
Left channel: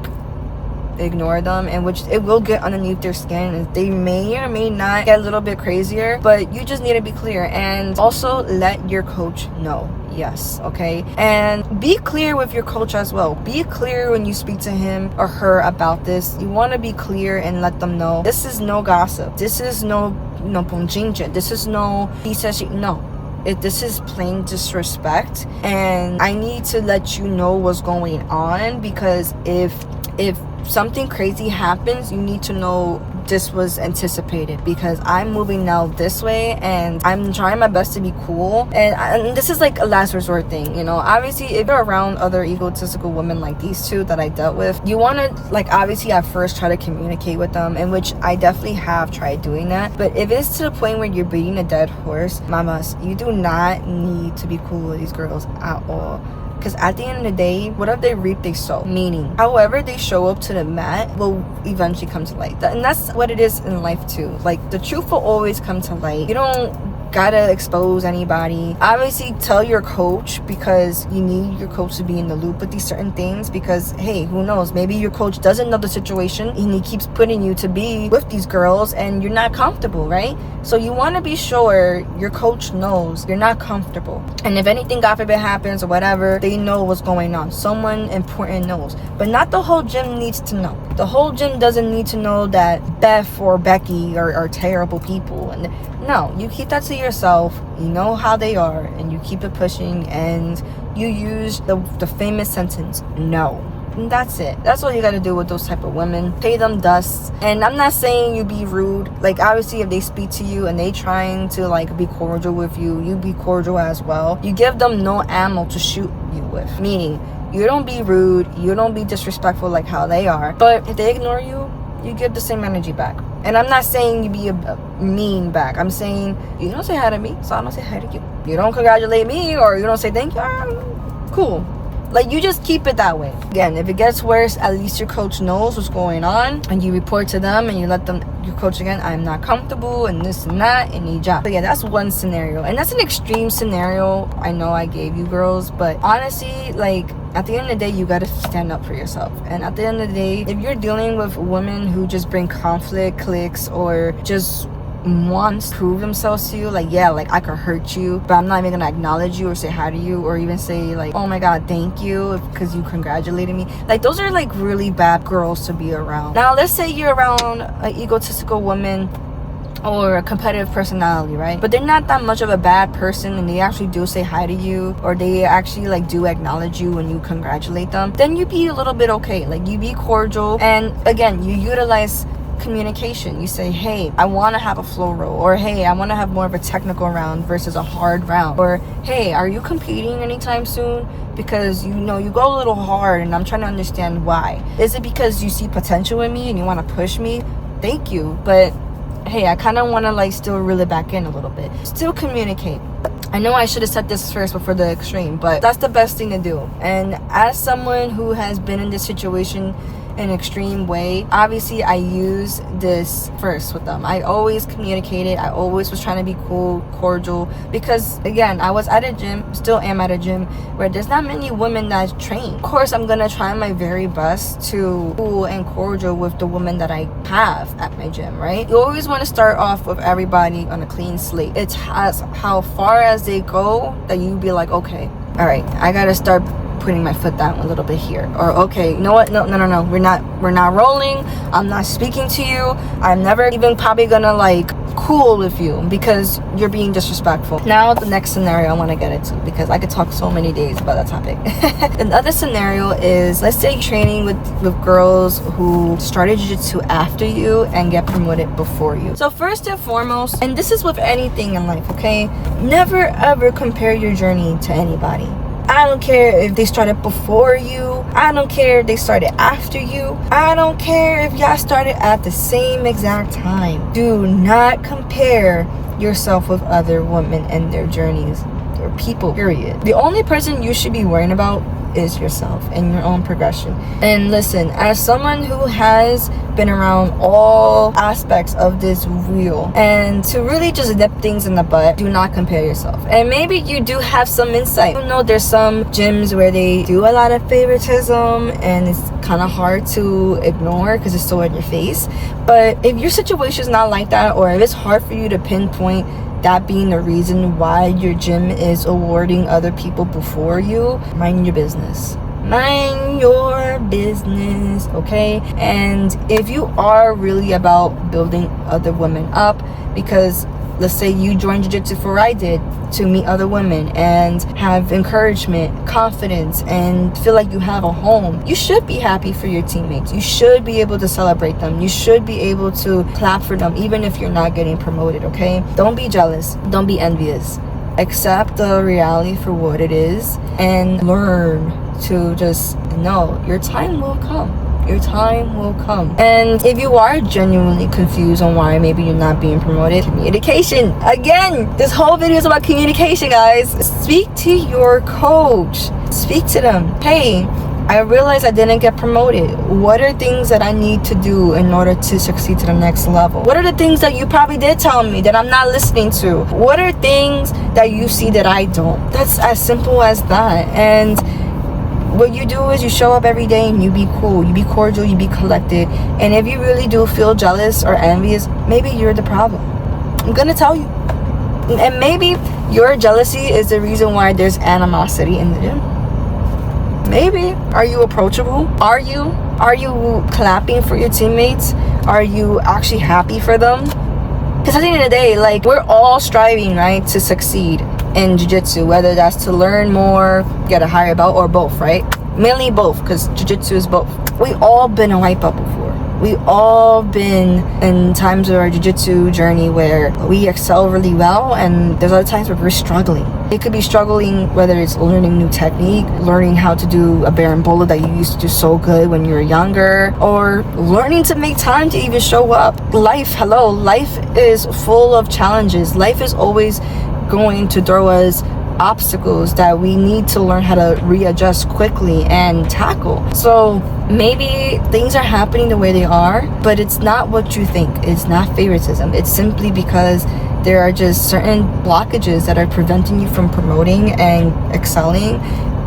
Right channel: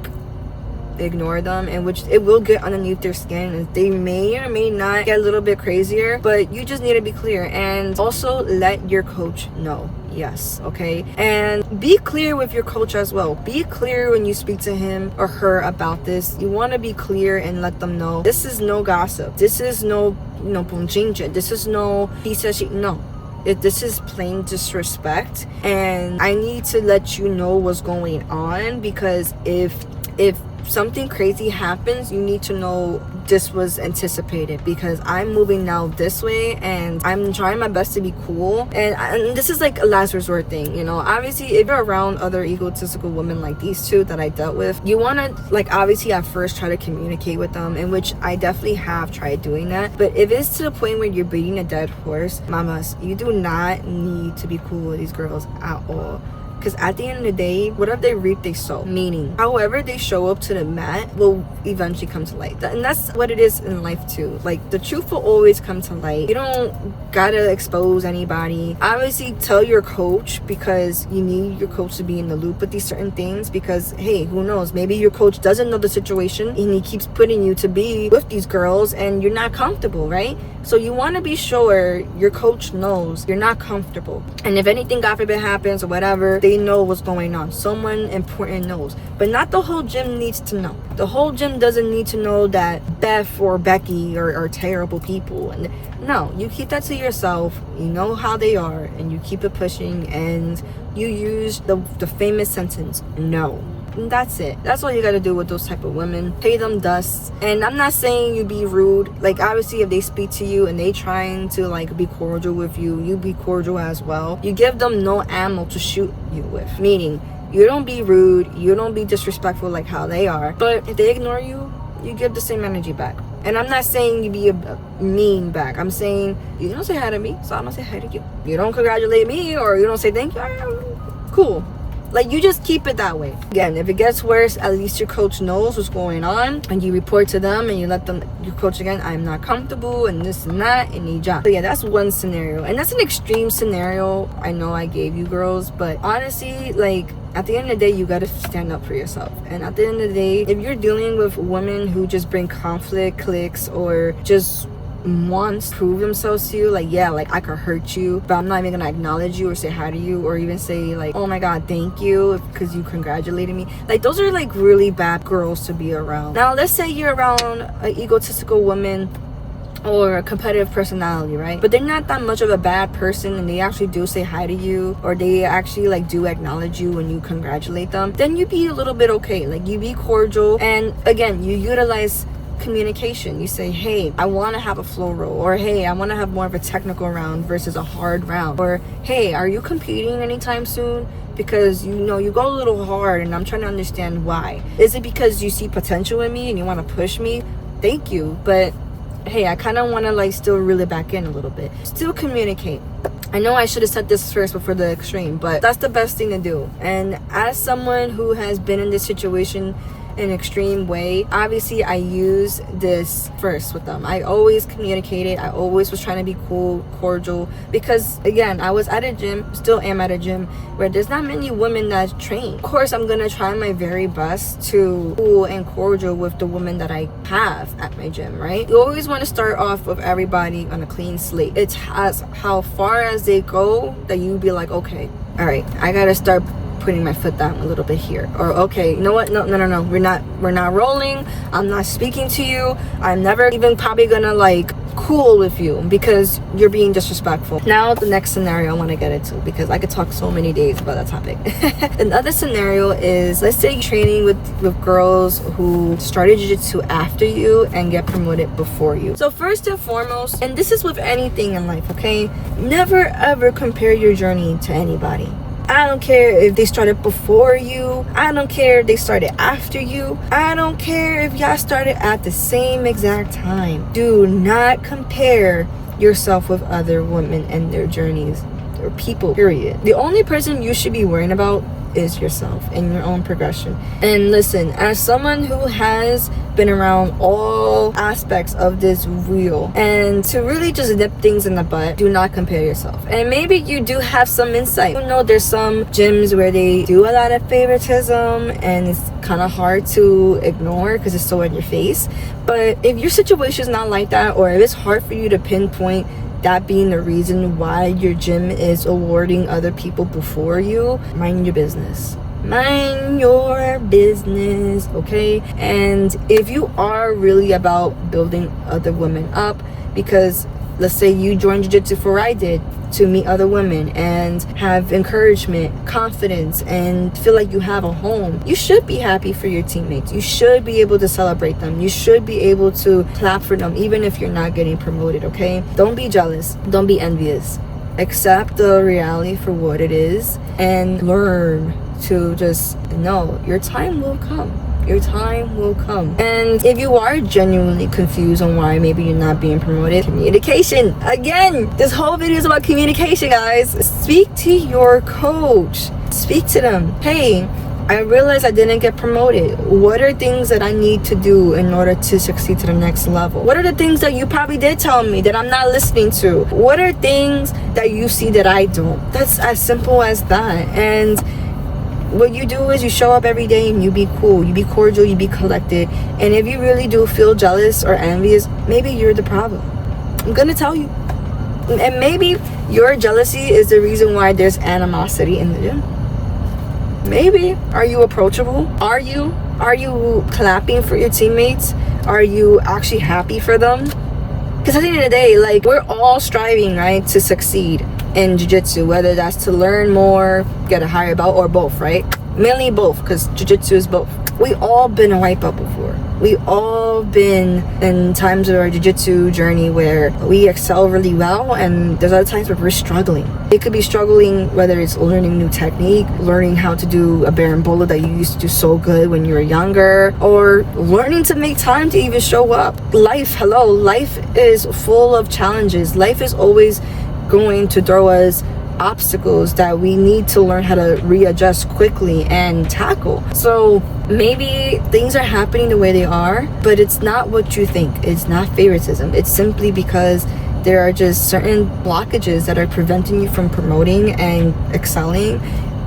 ignore them, and which it will get underneath their skin, and they may or may not get a little bit crazier, but you just need to be clear. And also let your coach know. Yes, okay? And be clear with your coach as well. Be clear when you speak to him or her about this. You want to be clear and let them know this is no gossip, this is no ponjinja, this is no he says she. No, this is plain disrespect, and I need to let you know what's going on, because if something crazy happens, you need to know this was anticipated, because I'm moving now this way and I'm trying my best to be cool, and this is like a last resort thing, you know. Obviously, if you're around other egotistical women like these 2 that I dealt with, you want to, like, obviously at first try to communicate with them, in which I definitely have tried doing that. But if it's to the point where you're beating a dead horse, mamas, you do not need to be cool with these girls at all. Because at the end of the day, whatever they reap, they sow. Meaning, however they show up to the mat will eventually come to light. And that's what it is in life too. Like, the truth will always come to light. You don't gotta expose anybody. Obviously, tell your coach, because you need your coach to be in the loop with these certain things. Because, hey, who knows? Maybe your coach doesn't know the situation and he keeps putting you to be with these girls and you're not comfortable, right? So you want to be sure your coach knows you're not comfortable. And if anything, God forbid, happens or whatever, they know what's going on. Someone important knows. But not the whole gym needs to know. The whole gym doesn't need to know that Beth or Becky are terrible people. And no, you keep that to yourself. You know how they are, and you keep it pushing, and you use the famous sentence, no. And that's it. That's all you gotta do with those type of women. Pay them dust. And I'm not saying you be rude. Like, obviously, if they speak to you and they trying to, like, be cordial with you, you be cordial as well. You give them no ammo to shoot you with. Meaning, you don't be rude, you don't be disrespectful like how they are. But if they ignore you, you give the same energy back. And I'm not saying you be a mean back. I'm saying you don't say hi to me, so I don't say hi to you. You don't congratulate me, or you don't say thank you. Cool. Like, you just keep it that way. Again, if it gets worse, at least your coach knows what's going on, and you report to them and you let them, your coach again, I'm not comfortable and this and that, and you jump. But yeah, that's one scenario, and that's an extreme scenario I know I gave you girls, but honestly, like, at the end of the day, you gotta stand up for yourself. And at the end of the day, if you're dealing with women who just bring conflict, cliques, or just wants to prove themselves to you, like, yeah, like, I could hurt you, but I'm not even gonna acknowledge you or say hi to you or even say, like, oh my god, thank you because you congratulated me. Like, those are, like, really bad girls to be around. Now, let's say you're around an egotistical woman or a competitive personality, right? But they're not that much of a bad person, and they actually do say hi to you, or they actually, like, do acknowledge you when you congratulate them. Then you be a little bit okay. Like, you be cordial, and again, you utilize communication. You say, hey, I want to have a flow roll, or hey, I want to have more of a technical round versus a hard round, or hey, are you competing anytime soon? Because, you know, you go a little hard and I'm trying to understand why. Is it because you see potential in me and you want to push me? Thank you, but hey, I kind of want to, like, still reel it back in a little bit. Still communicate. I know I should have said this first before the extreme, but that's the best thing to do. And as someone who has been in this situation in an extreme way, obviously I use this first with them. I always communicated. I always was trying to be cool, cordial, because again, I was at a gym, still am at a gym, where there's not many women that train. Of course, I'm gonna try my very best to cool and cordial with the women that I have at my gym, right? You always want to start off with everybody on a clean slate. It's as how far as they go that you be like, okay, all right, I gotta start putting my foot down a little bit here. Or okay, you know what? No, we're not rolling. I'm not speaking to you. I'm never even probably gonna like cool with you because you're being disrespectful. Now the next scenario I want to get into, because I could talk so many days about that topic. Another scenario is, let's say you're training with girls who started jiu-jitsu after you and get promoted before you. So first and foremost, and this is with anything in life, okay, never ever compare your journey to anybody. I don't care if they started before you. I don't care if they started after you. I don't care if y'all started at the same exact time. Do not compare yourself with other women and their journeys, or people, period. The only person you should be worrying about is yourself and your own progression. And listen, as someone who has been around all aspects of this wheel, and to really just nip things in the butt, do not compare yourself. And maybe you do have some insight. You know, there's some gyms where they do a lot of favoritism and it's kind of hard to ignore because it's so in your face. But if your situation is not like that, or if it's hard for you to pinpoint that being the reason why your gym is awarding other people before you, mind your business. Mind your business, okay? And if you are really about building other women up, because let's say you joined jiu-jitsu for I did, to meet other women and have encouragement, confidence, and feel like you have a home, you should be happy for your teammates. You should be able to celebrate them. You should be able to clap for them even if you're not getting promoted, okay? Don't be jealous. Don't be envious. Accept the reality for what it is and learn to just know your time will come. Your time will come. And if you are genuinely confused on why maybe you're not being promoted, communication. Again, this whole video is about communication, guys. Speak to your coach. Speak to them. Hey, I realized I didn't get promoted. What are things that I need to do in order to succeed to the next level? What are the things that you probably did tell me that I'm not listening to? What are things that you see that I don't? That's as simple as that. And what you do is you show up every day and you be cool, you be cordial, you be collected. And if you really do feel jealous or envious, maybe you're the problem. I'm gonna tell you. And maybe your jealousy is the reason why there's animosity in the gym. Maybe. Are you approachable? Are you clapping for your teammates? Are you actually happy for them? Because at the end of the day, like, we're all striving, right, to succeed in jiu-jitsu, whether that's to learn more, get a higher belt, or both, right? Mainly both, because jiu-jitsu is both. We all been a white belt before. We all been in times of our jiu-jitsu journey where we excel really well, and there's other times where we're struggling. It could be struggling whether it's learning new technique, learning how to do a berimbolo that you used to do so good when you were younger, or learning to make time to even show up. Life is full of challenges. Life is always going to throw us obstacles that we need to learn how to readjust quickly and tackle. So maybe things are happening the way they are, but it's not what you think. It's not favoritism. It's simply because there are just certain blockages that are preventing you from promoting and excelling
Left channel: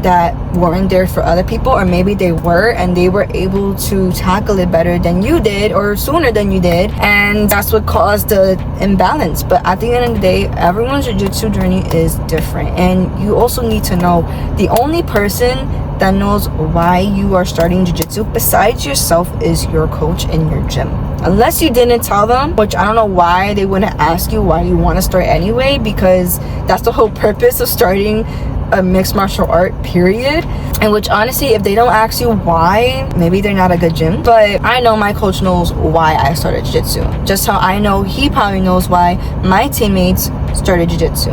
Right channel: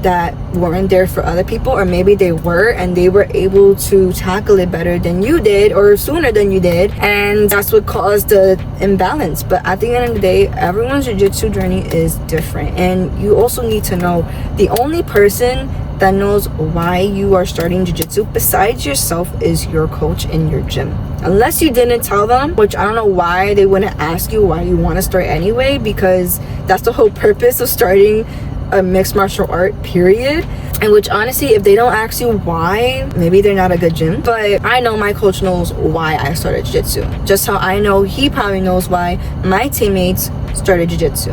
that weren't there for other people, or maybe they were and they were able to tackle it better than you did or sooner than you did, and that's what caused the imbalance. But at the end of the day, everyone's jiu-jitsu journey is different, and you also need to know the only person that knows why you are starting jiu-jitsu besides yourself is your coach in your gym. Unless you didn't tell them, which I don't know why they wouldn't ask you why you want to start anyway, because that's the whole purpose of starting a mixed martial art, period. And which honestly, if they don't ask you why, maybe they're not a good gym. But I know my coach knows why I started jiu-jitsu, just how I know he probably knows why my teammates started jiu-jitsu.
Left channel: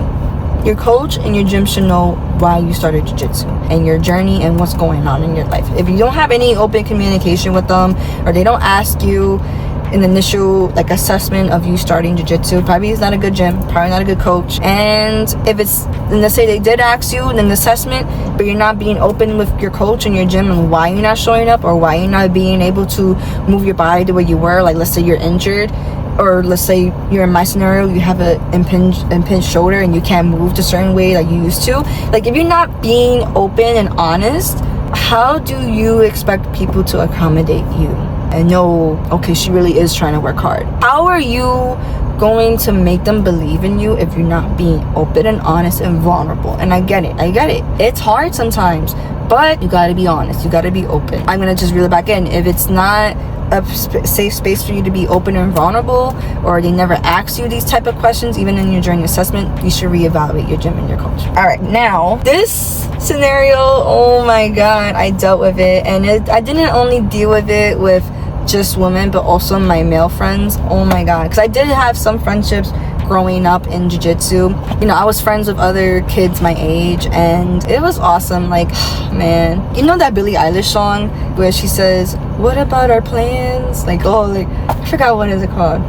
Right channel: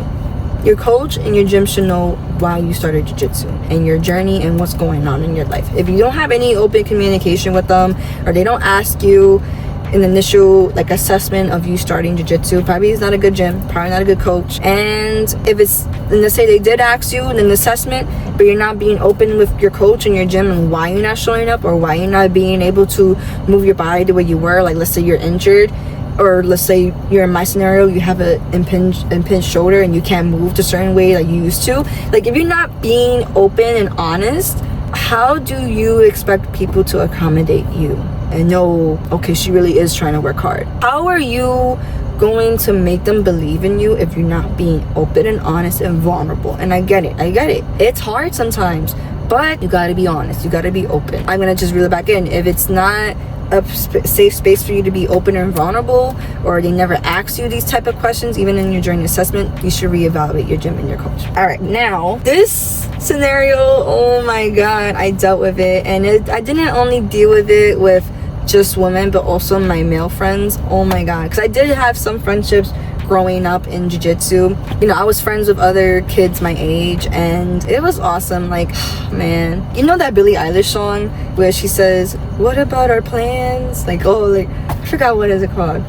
Your coach and your gym should know why you started jiu-jitsu and your journey and what's going on in your life. If you don't have any open communication with them, or they don't ask you an initial like assessment of you starting jiu-jitsu, probably it's not a good gym, probably not a good coach. And if it's, and let's say they did ask you in an assessment, but you're not being open with your coach and your gym and why you're not showing up, or why you're not being able to move your body the way you were, like let's say you're injured, or let's say you're in my scenario, you have an impinged shoulder and you can't move the certain way like you used to. Like, if you're not being open and honest, how do you expect people to accommodate you and know, okay, she really is trying to work hard? How are you going to make them believe in you if you're not being open and honest and vulnerable? And I get it. It's hard sometimes, but you got to be honest, you got to be open. I'm gonna just reel it back in. If it's not a safe space for you to be open and vulnerable, or they never ask you these type of questions even in your journey assessment, you should reevaluate your gym and your coach. All right, now this scenario, oh my god, I dealt with it, and I didn't only deal with it with just women, but also my male friends. Oh my god, because I did have some friendships growing up in jiu-jitsu. You know, I was friends with other kids my age, and it was awesome. Like, man, you know that Billie Eilish song where she says, what about our plans? Like, oh, like, I forgot what is it called.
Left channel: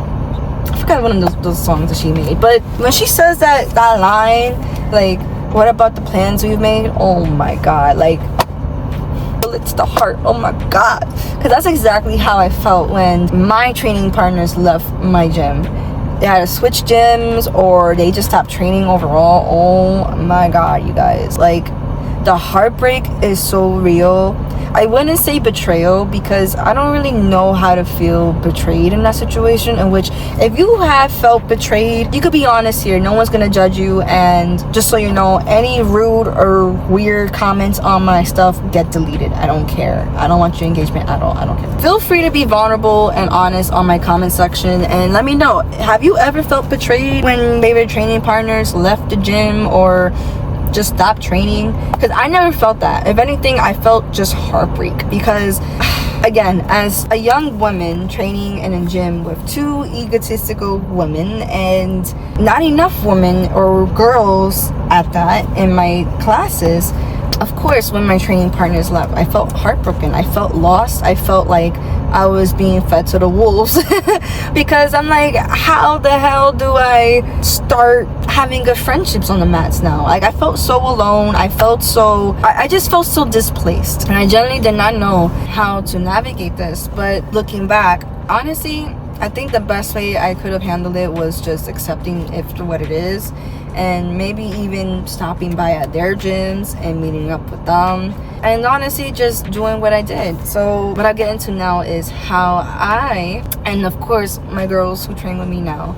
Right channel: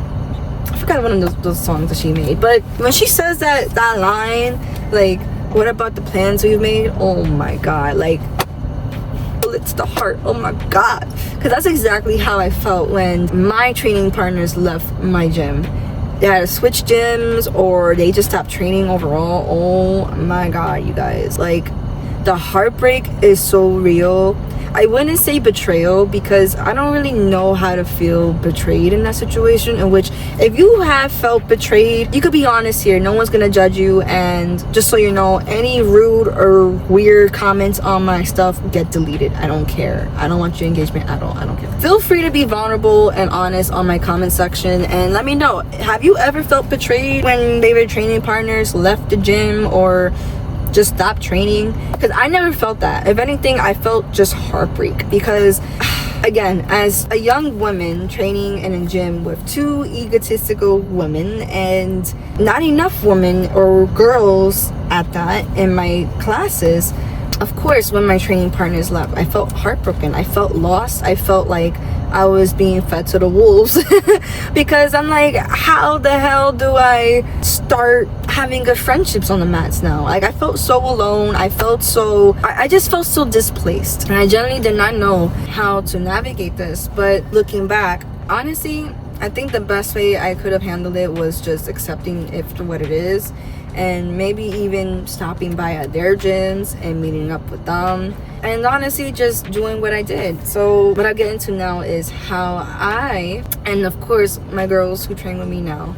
I forgot one of those songs that she made. But when she says that line, like, what about the plans we've made? Oh my god, like, it's the heart. Oh my god, because that's exactly how I felt when my training partners left my gym. They had to switch gyms, or they just stopped training overall. Oh my god, you guys, like, the heartbreak is so real. I wouldn't say betrayal, because I don't really know how to feel betrayed in that situation, in which if you have felt betrayed, you could be honest here. No one's gonna judge you, and just so you know, any rude or weird comments on my stuff get deleted. I don't care. I don't want your engagement at all. I don't care. Feel free to be vulnerable and honest on my comment section, and let me know, have you ever felt betrayed when favorite training partners left the gym or just stop training? Because I never felt that. If anything, I felt just heartbreak, because again, as a young woman training in a gym with two egotistical women, and not enough women or girls at that in my classes, of course, when my training partners left, I felt heartbroken. I felt lost. I felt like I was being fed to the wolves because I'm like, how the hell do I start having good friendships on the mats now? Like, I felt so alone. I just felt so displaced, and I generally did not know how to navigate this. But looking back, honestly, I think the best way I could have handled it was just accepting it for what it is, and maybe even stopping by at their gyms and meeting up with them, and honestly just doing what I did. So what I get into now is how I, and of course my girls who train with me now,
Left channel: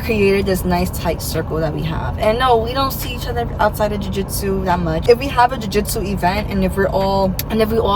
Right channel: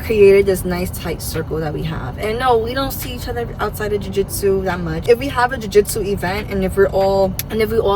created this nice tight circle that we have. And no, we don't see each other outside of jiu-jitsu that much. If we have a jiu-jitsu event, and if we all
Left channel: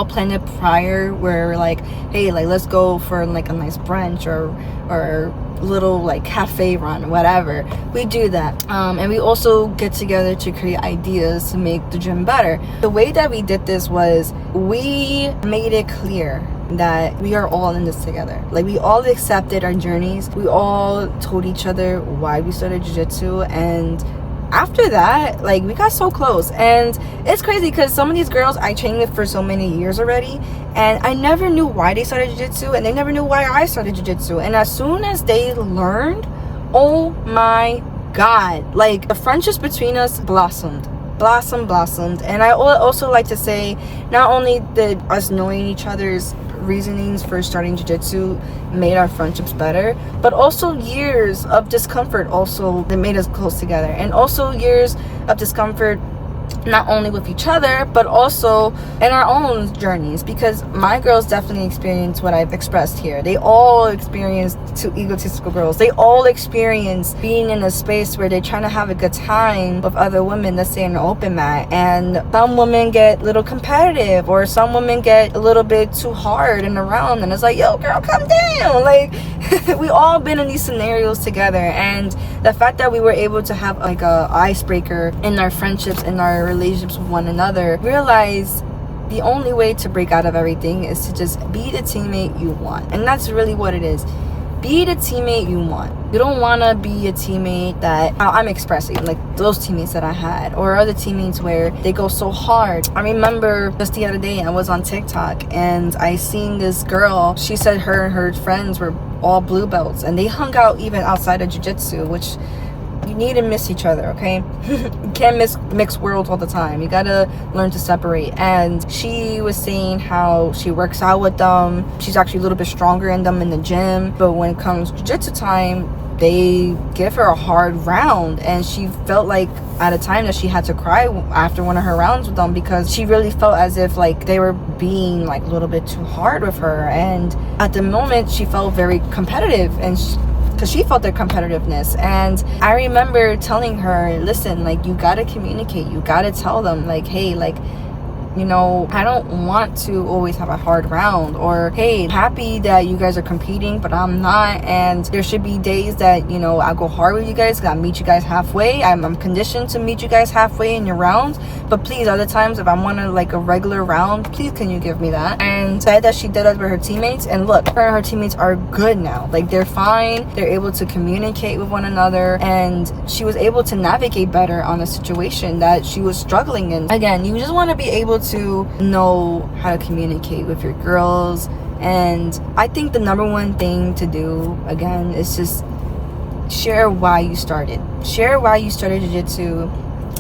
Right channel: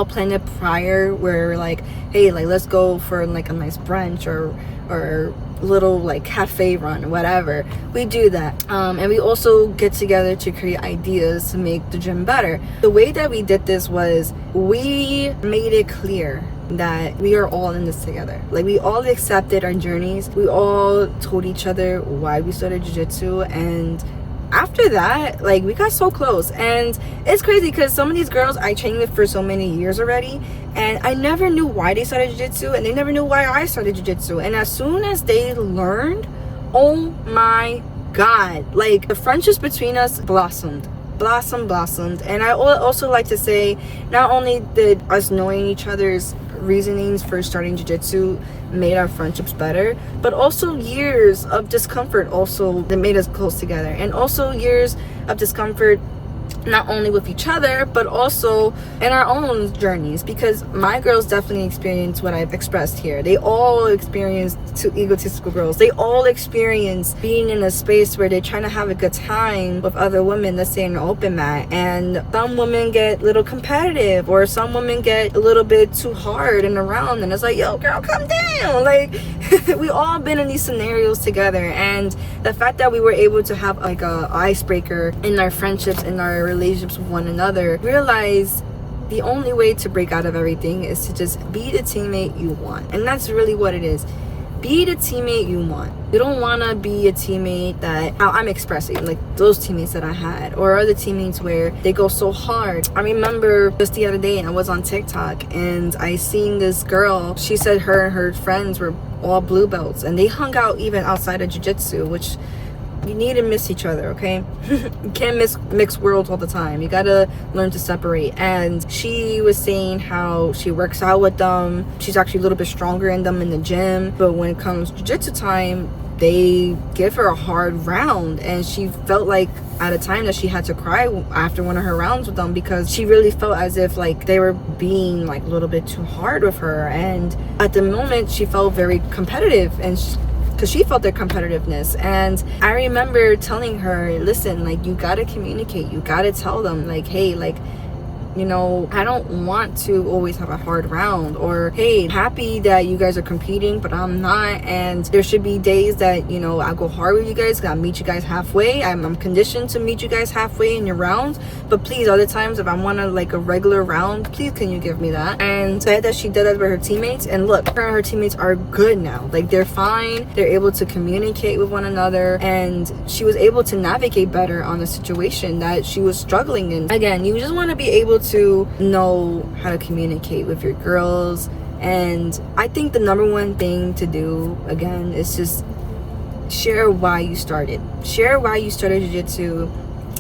plan it prior, where we're like, hey, like, let's go for like a nice brunch or little like cafe run, whatever, we do that. And we also get together to create ideas to make the gym better. The way that we did this was, we made it clear that we are all in this together. Like, we all accepted our journeys. We all told each other why we started jiu-jitsu, and after that, like, we got so close. And it's crazy because some of these girls I trained with for so many years already, and I never knew why they started jiu-jitsu, and they never knew why I started jiu-jitsu. And as soon as they learned, oh my god, like, the friendships between us blossomed. And I also like to say, not only did us knowing each other's reasonings for starting jiu-jitsu made our friendships better, but also years of discomfort also that made us close together, and also years of discomfort not only with each other but also in our own journeys, because my girls definitely experienced what I've expressed here. They all experienced, two egotistical girls, they all experience being in a space where they're trying to have a good time with other women, let's say in an open mat, and some women get a little competitive, or some women get a little bit too hard in the round, and it's like, yo girl, calm down. Like, we all been in these scenarios together, and the fact that we were able to have like a icebreaker in our friendships, in our relationships with one another, realize the only way to break out of everything is to just be the teammate you want. And that's really what it is. Be the teammate you want. You don't want to be a teammate that, how I'm expressing, like those teammates that I had, or other teammates where they go so hard. I remember just the other day I was on TikTok and I seen this girl. She said her and her friends were all blue belts, and they hung out even outside of jiu-jitsu, which you need to miss each other, okay? You can't mix worlds all the time. You gotta learn to separate. And she was saying how she works out with them. She's actually a little bit stronger in them in the gym, but when it comes to jiu-jitsu time, they give her a hard round, and she felt like at a time that she had to cry after one of her rounds with them, because she really felt as if like they were being like a little bit too hard with her. And at the moment she felt very competitive, and because she felt their competitiveness. And I remember telling her, listen, like, you gotta communicate, you gotta tell them like, hey, like, you know, I don't want to always have a hard round, or hey, happy that you guys are competing but I'm not, and there should be days that, you know, I go hard with you guys, gotta meet you guys halfway. I'm conditioned to meet you guys halfway in your rounds, but please, other times if I want to like a regular round, please can you give me that? And said that she did that with her teammates, and look, her and her teammates are good now. Like, they're fine, they're able to communicate with one another, and she was able to navigate better on a situation that she was struggling in. Again, you just want to be able to know how to communicate with your girls. And I think the number one thing to do, again, is just share why you started. Share why you started jiu-jitsu.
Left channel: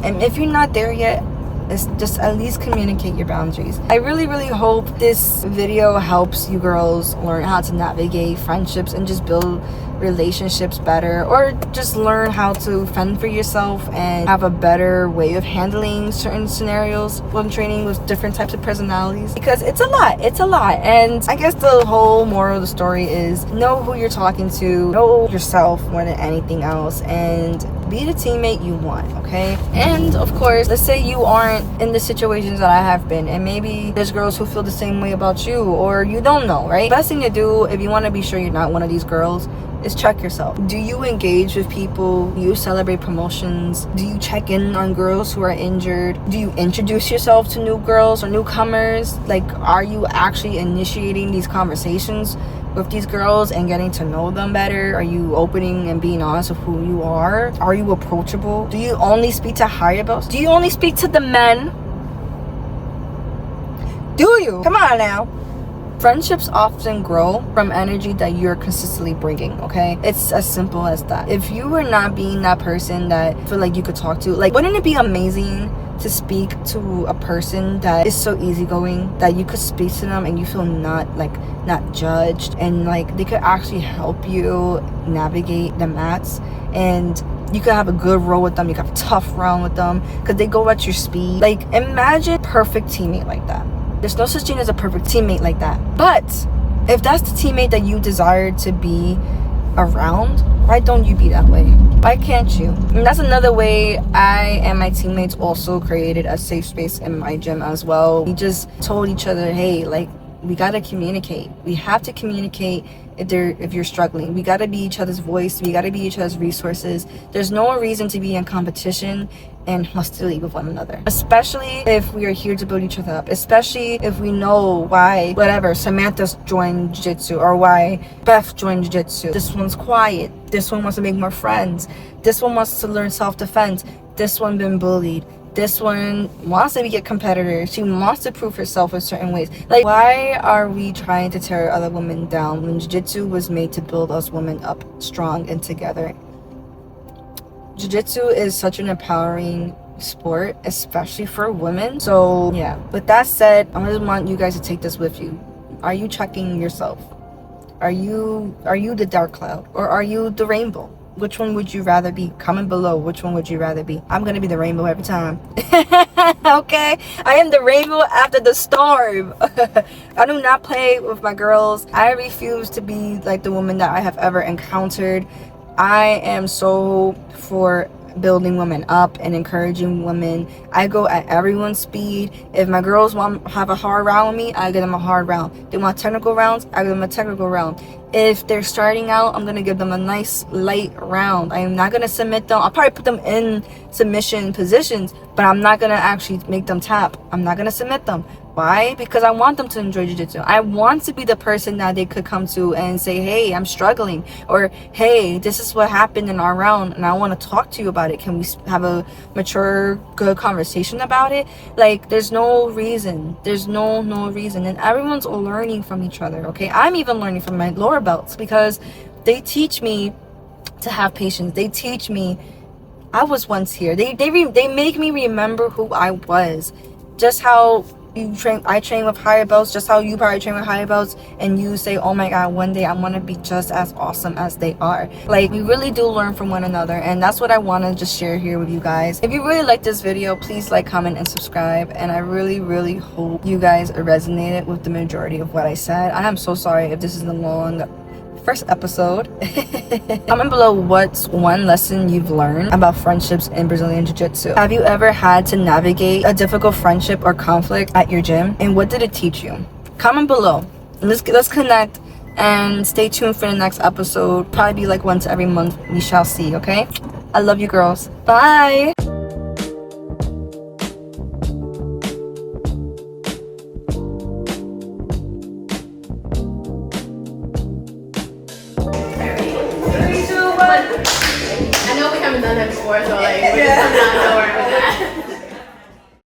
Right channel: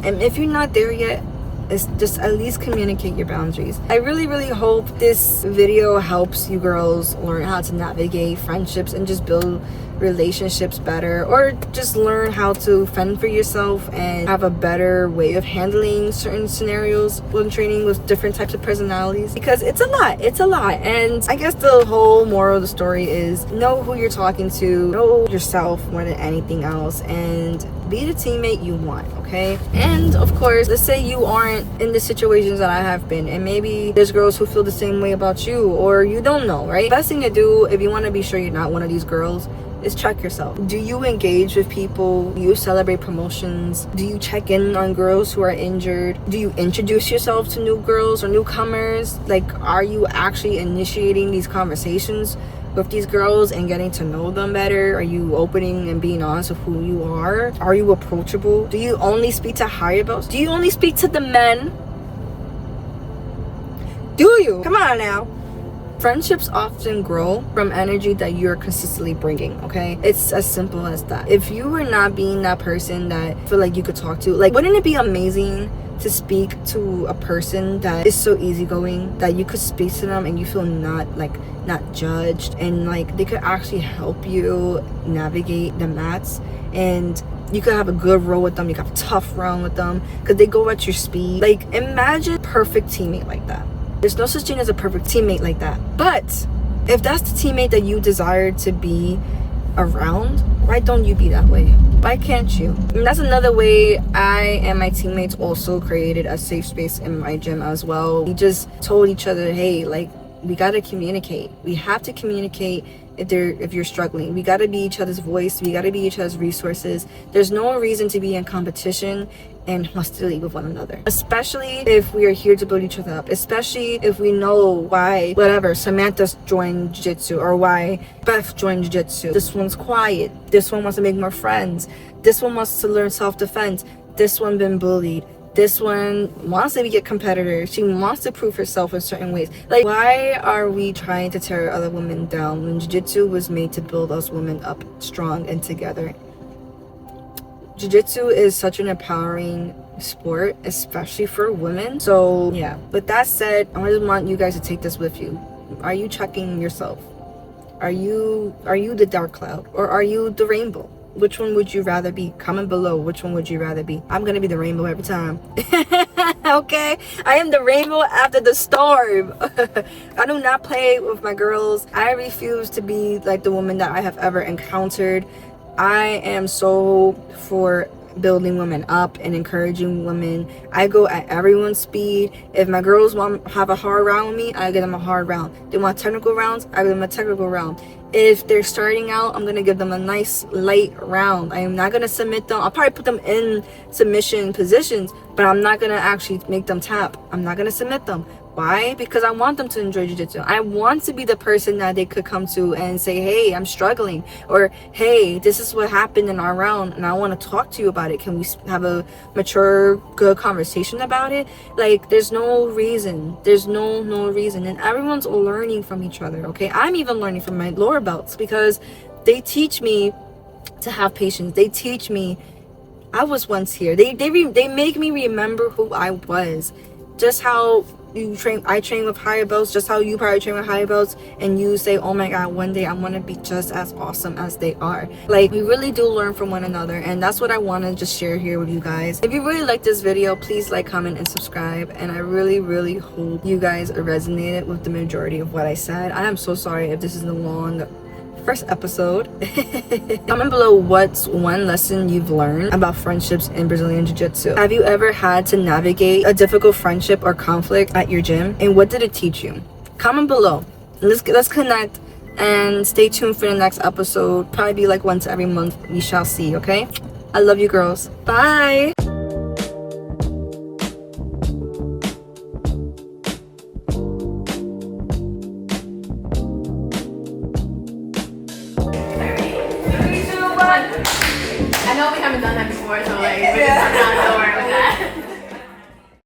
And if you're not there yet, it's just at least communicate your boundaries. I really hope this video helps you girls learn how to navigate friendships and just build relationships better, or just learn how to fend for yourself and have a better way of handling certain scenarios when training with different types of personalities, because it's a lot. And I guess the whole moral of the story is know who you're talking to, know yourself more than anything else, and be the teammate you want, okay? And of course, let's say you aren't in the situations that I have been, and maybe there's girls who feel the same way about you, or you don't know, right? Best thing to do if you want to be sure you're not one of these girls is check yourself. Do you engage with people? Do you celebrate promotions? Do you check in on girls who are injured? Do you introduce yourself to new girls or newcomers? Like, are you actually initiating these conversations with these girls and getting to know them better? Are you opening and being honest with who you are? Are you approachable? Do you only speak to higher belts? Do you only speak to the men? Do you? Come on now. Friendships often grow from energy that you're consistently bringing, okay? It's as simple as that. If you were not being that person that feel like you could talk to, like, wouldn't it be amazing to speak to a person that is so easygoing that you could speak to them and you feel not judged, and like they could actually help you navigate the mats, and you could have a good roll with them, you could have a tough round with them because they go at your speed. Like, imagine a perfect teammate like that. There's no such thing as a perfect teammate like that. But if that's the teammate that you desire to be around, why don't you be that way? Why can't you? And that's another way I and my teammates also created a safe space in my gym as well. We just told each other, hey, like, we gotta communicate. We have to communicate if you're struggling. We gotta be each other's voice. We gotta be each other's resources. There's no reason to be in competition and hostility with one another, especially if we are here to build each other up, especially if we know why, whatever, Samantha's joined jiu-jitsu, or why Beth joined jiu-jitsu. This one's quiet, this one wants to make more friends, this one wants to learn self-defense, this one been bullied, this one wants to be a competitor, she wants to prove herself in certain ways. Like, why are we trying to tear other women down when jiu-jitsu was made to build us women up strong and together? Jiu-jitsu is such an empowering sport, especially for women. So yeah, with that said, I just want you guys to take this with you. Are you checking yourself? Are you the dark cloud, or are you the rainbow? Which one would you rather be? Comment below, which one would you rather be? I'm gonna be the rainbow every time. Okay, I am the rainbow after the storm. I do not play with my girls. I refuse to be like the woman that I have ever encountered. I am so for building women up and encouraging women. I go at everyone's speed. If my girls want to have a hard round with me, I give them a hard round. They want technical rounds, I give them a technical round. If they're starting out, I'm gonna give them a nice light round. I am not gonna submit them. I'll probably put them in submission positions, but I'm not gonna actually make them tap. I'm not gonna submit them. Why? Because I want them to enjoy jiu-jitsu. I want to be the person that they could come to and say, hey, I'm struggling, or hey, this is what happened in our round and I want to talk to you about it. Can we have a mature, good conversation about it? Like, there's no reason. There's no reason. And everyone's learning from each other, okay? I'm even learning from my lower belts because they teach me to have patience. They teach me I was once here. They make me remember who I was. Just how I train with higher belts, just how you probably train with higher belts, and you say, oh my god, one day I want to be just as awesome as they are. Like, we really do learn from one another, and that's what I want to just share here with you guys. If you really like this video, please like, comment, and subscribe, and I really hope you guys resonated with the majority of what I said. I am so sorry if this is a long first episode. Comment below what's one lesson you've learned about friendships in Brazilian Jiu-Jitsu. Have you ever had to navigate a difficult friendship or conflict at your gym? And what did it teach you? Comment below. Let's connect and stay tuned for the next episode. Probably be like once every month. We shall see, okay? I love you girls. Bye. I know we haven't done that before, so like we're just